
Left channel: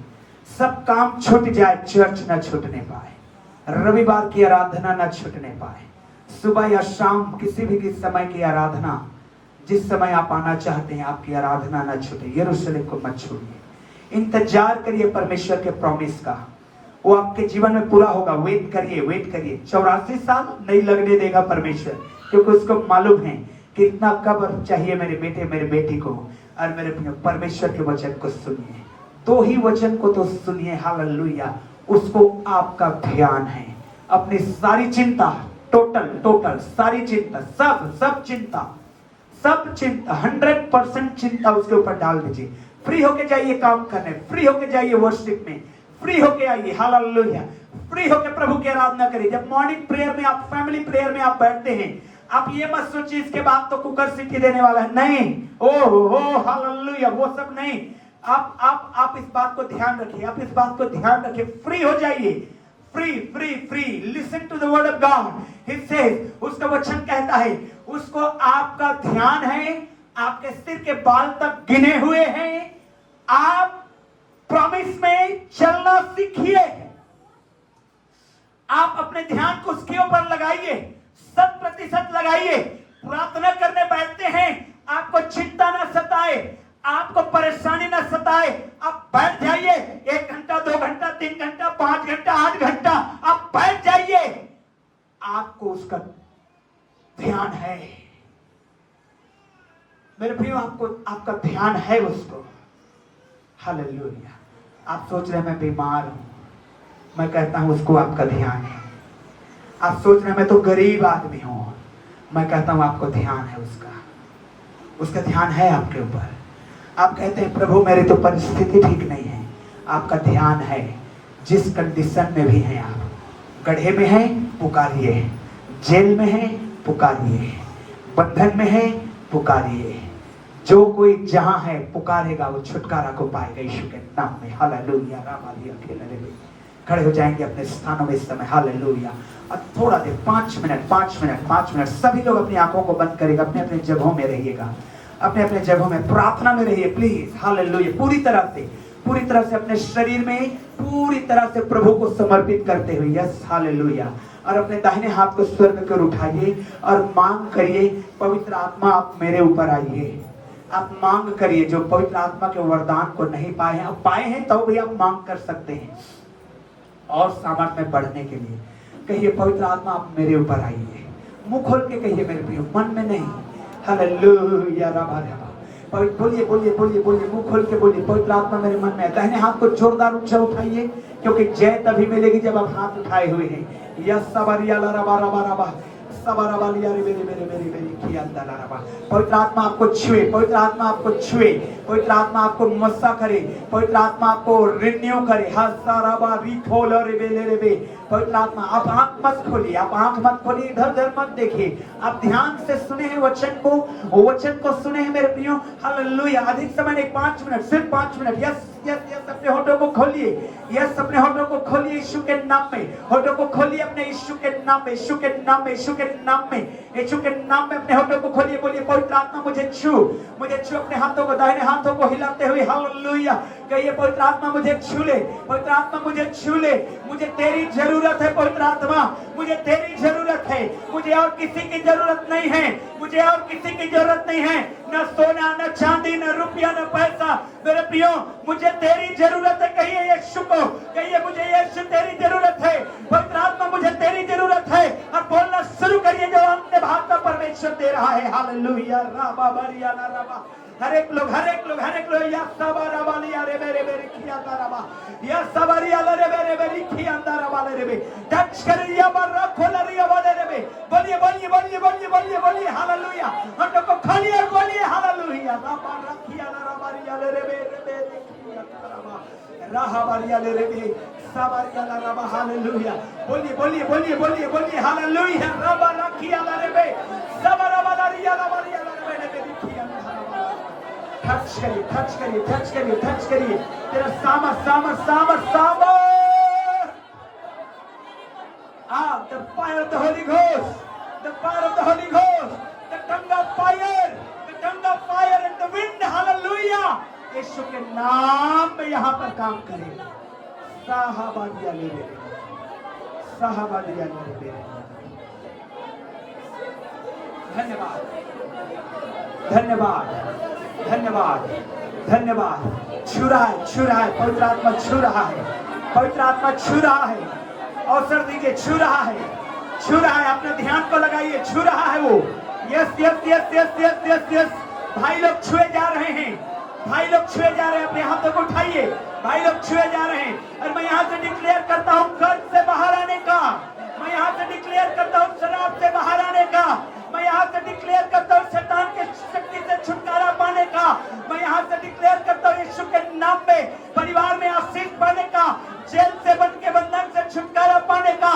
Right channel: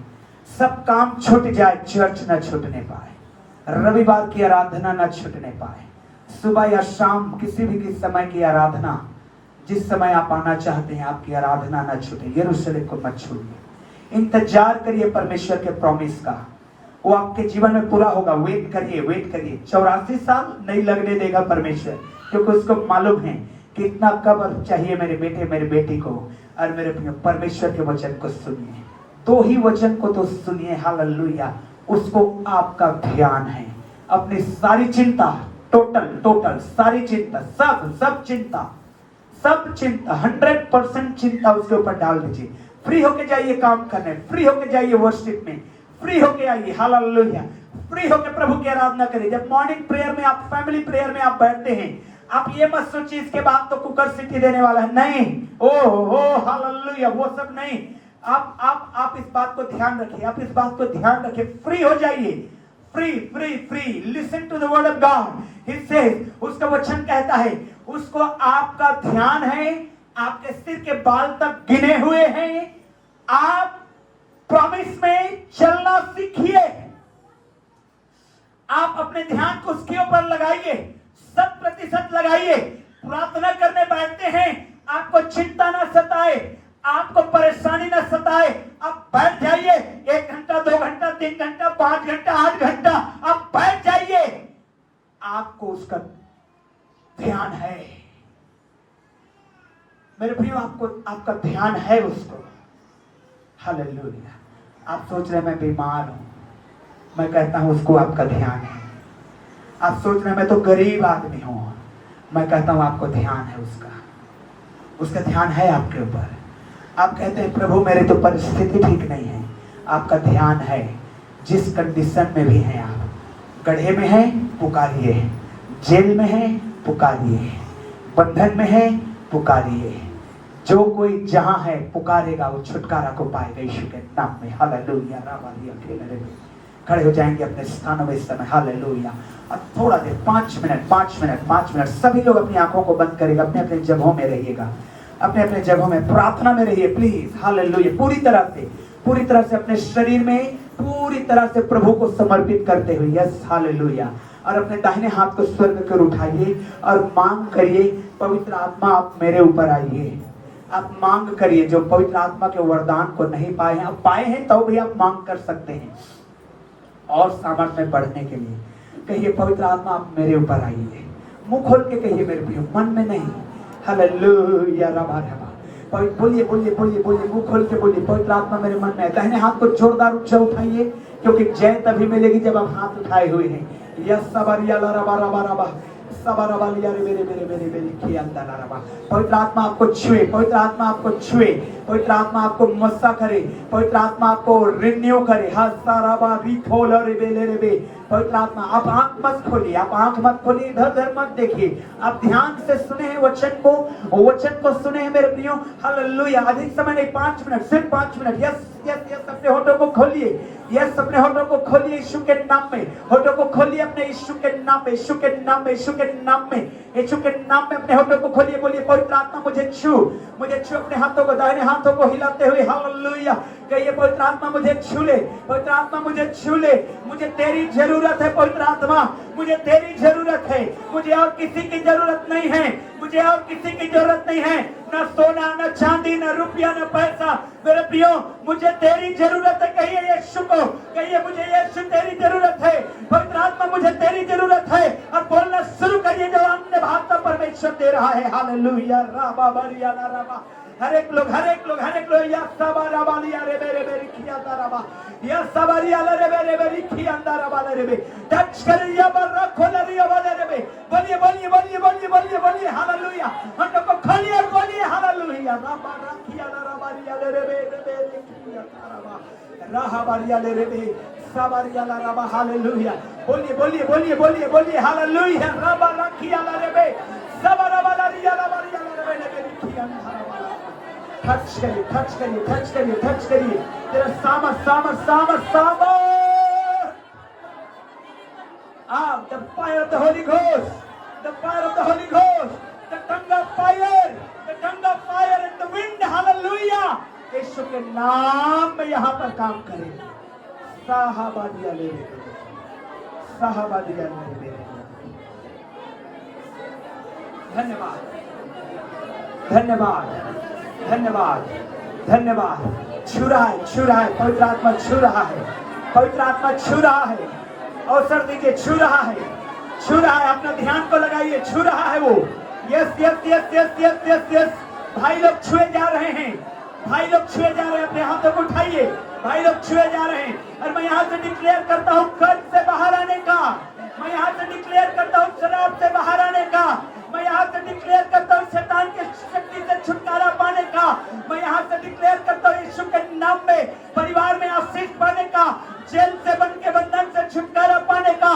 सब काम छूट जाए, चर्च न छूटने पाए, रविवार की आराधना न छूटने पाए, सुबह या शाम किसी भी समय की आराधना, जिस समय आप आना चाहते हैं आपकी आराधना न छूटे। यरूशलेम को मत छोड़िए। इंतजार करिए परमेश्वर के प्रॉमिस का, वो आपके जीवन में पूरा होगा। वेट करिए, वेट करिए। 84 साल नहीं लगने देगा परमेश्वर, क्योंकि उसको मालूम है कि इतना कब्र चाहिए मेरे बेटे मेरे बेटी को। और मेरे परमेश्वर के वचन को सुनिए, दो ही वचन को तो सुनिए। हालेलुया। उसको आपका ध्यान है, अपनी सारी चिंता, टोटल सारी चिंता, सब चिंता 100% चिंता उसके ऊपर डाल दीजिए। फ्री होके जाइए काम करने, फ्री होके जाइए वर्शिप में, फ्री होके आइए। हालेलुया। फ्री होके प्रभु की आराधना करिए। जब मॉर्निंग प्रेयर में आप, फैमिली प्रेयर में आप बैठते हैं, आप ये मत सोचिए इसके बाद तो कुकर सीटी देने वाला है। नहीं, ओह हालेलुया, वो सब नहीं। आप इस बात को ध्यान रखिए, आप इस बात को ध्यान रखिए, फ्री हो जाइए, free free free. Listen to the word of God. He says, उसका वचन कहता है, उसको आपका ध्यान है, आपके सिर के बाल तक गिने हुए हैं। आप प्रॉमिस में चलना सीखिए। आप अपने ध्यान को उसके ऊपर लगाइए, 100% लगाइए। प्रार्थना करने बैठते हैं, आपको चिंता ना सताए, आपको परेशानी ना सताए, आप बैठ जाइए। 1 घंटा, 2 घंटा, 3 घंटा, 5 घंटा, 8 घंटा आप बैठ जाइए। आपको उसका ध्यान है। मेरे प्रियो, आपका ध्यान है उसको। हालेलुया। आप सोच रहे मैं बीमार हूं, मैं कहता हूं उसको आपका ध्यान है। आप सोच रहे मैं तो गरीब आदमी हूं, मैं कहता हूं आपको ध्यान है उसका ध्यान है आपके ऊपर। आप कहते हैं प्रभु मेरी तो परिस्थिति ठीक नहीं है, आपका ध्यान है। जिस कंडीशन में भी हैं आप, गड्ढे में हैं पुकारिए, जेल में हैं पुकारिए, बंधन में हैं पुकारिए। जो कोई जहां है पुकारेगा वो छुटकारा को पाएगा यीशु के नाम में। हालेलुया। खड़े हो जाएंगे अपने स्थानों में इस समय। हालेलुया। अब थोड़ा देर 5 मिनट सभी लोग अपनी आंखों को बंद करेगा, अपने अपने जगहों में रहिएगा, अपने अपने जगहों में प्रार्थना में रहिए प्लीज। हालेलुया। पूरी तरह से अपने शरीर में पूरी तरह से प्रभु को समर्पित करते हुए। Yes hallelujah. और अपने दाहिने हाथ को स्वर्ग की ओर उठाइए और मांग करिए, पवित्र आत्मा आप मेरे ऊपर आइए। आप मांग करिए, जो पवित्र आत्मा के वरदान को नहीं पाए हैं, आप पाए हैं तो भी आप मांग कर सकते हैं और सामर्थ्य में बढ़ने के लिए। कहिए पवित्र आत्मा आप मेरे ऊपर आइए। मुंह खोल के कहिए मेरे प्रियो, मन में नहीं। हालेलुया। बोलिए मुंह खोल के बोलिए, पवित्र आत्मा मेरे मन में है। दाहिने हाथ को जोरदार ऊंचा उठाइए, क्योंकि जय तभी मिलेगी जब आप हाथ उठाए हुए हैं। यस सबरिया लरबा रबा रबा सबारबा लिया रे मेरे किया अंदर। पवित्र आत्मा आपको छुए, पवित्र आत्मा आपको छुए, पवित्र आत्मा आपको मस्सा करे, पवित्र आत्मा आपको रिन्यू करे। हसाराबा रिखोल रे बेले। पवित्र आत्मा, आप आंख मत खोलिए, आप आंख मत खोलिए, इधर उधर मत देखिए। आप ध्यान से सुने हैं वचन को सुने हैं मेरे प्रियो। हालेलुया। अधिक समय नहीं, 5 मिनट, सिर्फ 5 मिनट। यस अपने होठों को खोलिए, यस अपने होठों को खोलिए यीशु के नाम में। होठों को खोलिए अपने यीशु के नाम में, यीशु के नाम में, यीशु के नाम में, यीशु के नाम में अपने होठों को खोलिए। बोलिए पवित्र आत्मा मुझे छू। अपने हाथों को, दाहिने हाथों को हिलाते हुए हालेलुया कहिए, पवित्र आत्मा मुझे छू ले, पवित्र आत्मा मुझे छू ले। मुझे तेरी जरूरत है पवित्र आत्मा, मुझे तेरी जरूरत है। मुझे और किसी की जरूरत नहीं है, मुझे और किसी की जरूरत नहीं है। न सोना, न चांदी, न रुपया, न पैसा। मेरे प्रियो, मुझे तेरी जरूरत है। कहिए यीशु को, कहिए मुझे यीशु तेरी जरूरत है। पवित्र आत्मा मुझे तेरी जरूरत है। और बोलना शुरू करिए जो अन्य भाषा परमेश्वर दे रहा है। हालेलुया। राबा बरिया ना राबा। हर एक लोग या सबारा लिया रे मेरे किया ताराबा, या सबारिया रे मेरे किया ताराबा रे। टच करिया बरा खोलरिया वाले रे। बोलिए हालेलुया। हटो को खोलिए हालेलुया। राबा रखिया राबारिया रे मेरे किया ताराबा, राहाबारिया रे सबारिया राबा। हालेलुया। बोलिए हालेलुया। राबा रखिया रे सबारा वाला रिया राबारिया रे मेरे किया ताराबा। टच करिए तेरा सामर्थ। The fire of the Holy Ghost, the fire of the Holy Ghost, the tongue of fire and the wind. Hallelujah. यीशु के नाम में यहाँ पर काम करें। साहबादिया ले धन्यवाद। छू रहा है पवित्र आत्मा, छू रहा है। अवसर दीजिए, छू रहा है। अपने ध्यान को लगाइए, छू रहा है वो। यस। भाई लोग छुए जा रहे हैं, अपने हाथों को उठाइए। भाई लोग छुए जा रहे हैं। और मैं यहाँ से डिक्लेयर करता हूँ कर्ज से बाहर आने का, मैं यहाँ से डिक्लेयर करता हूँ शराब से बाहर आने का, मैं यहाँ से डिक्लेयर करता हूँ शैतान के शक्ति से छुटकारा पाने का, मैं यहाँ से डिक्लेयर करता हूँ यीशु के नाम में परिवार में आशीष पाने का, जेल से बन के बंधन से छुटकारा पाने का,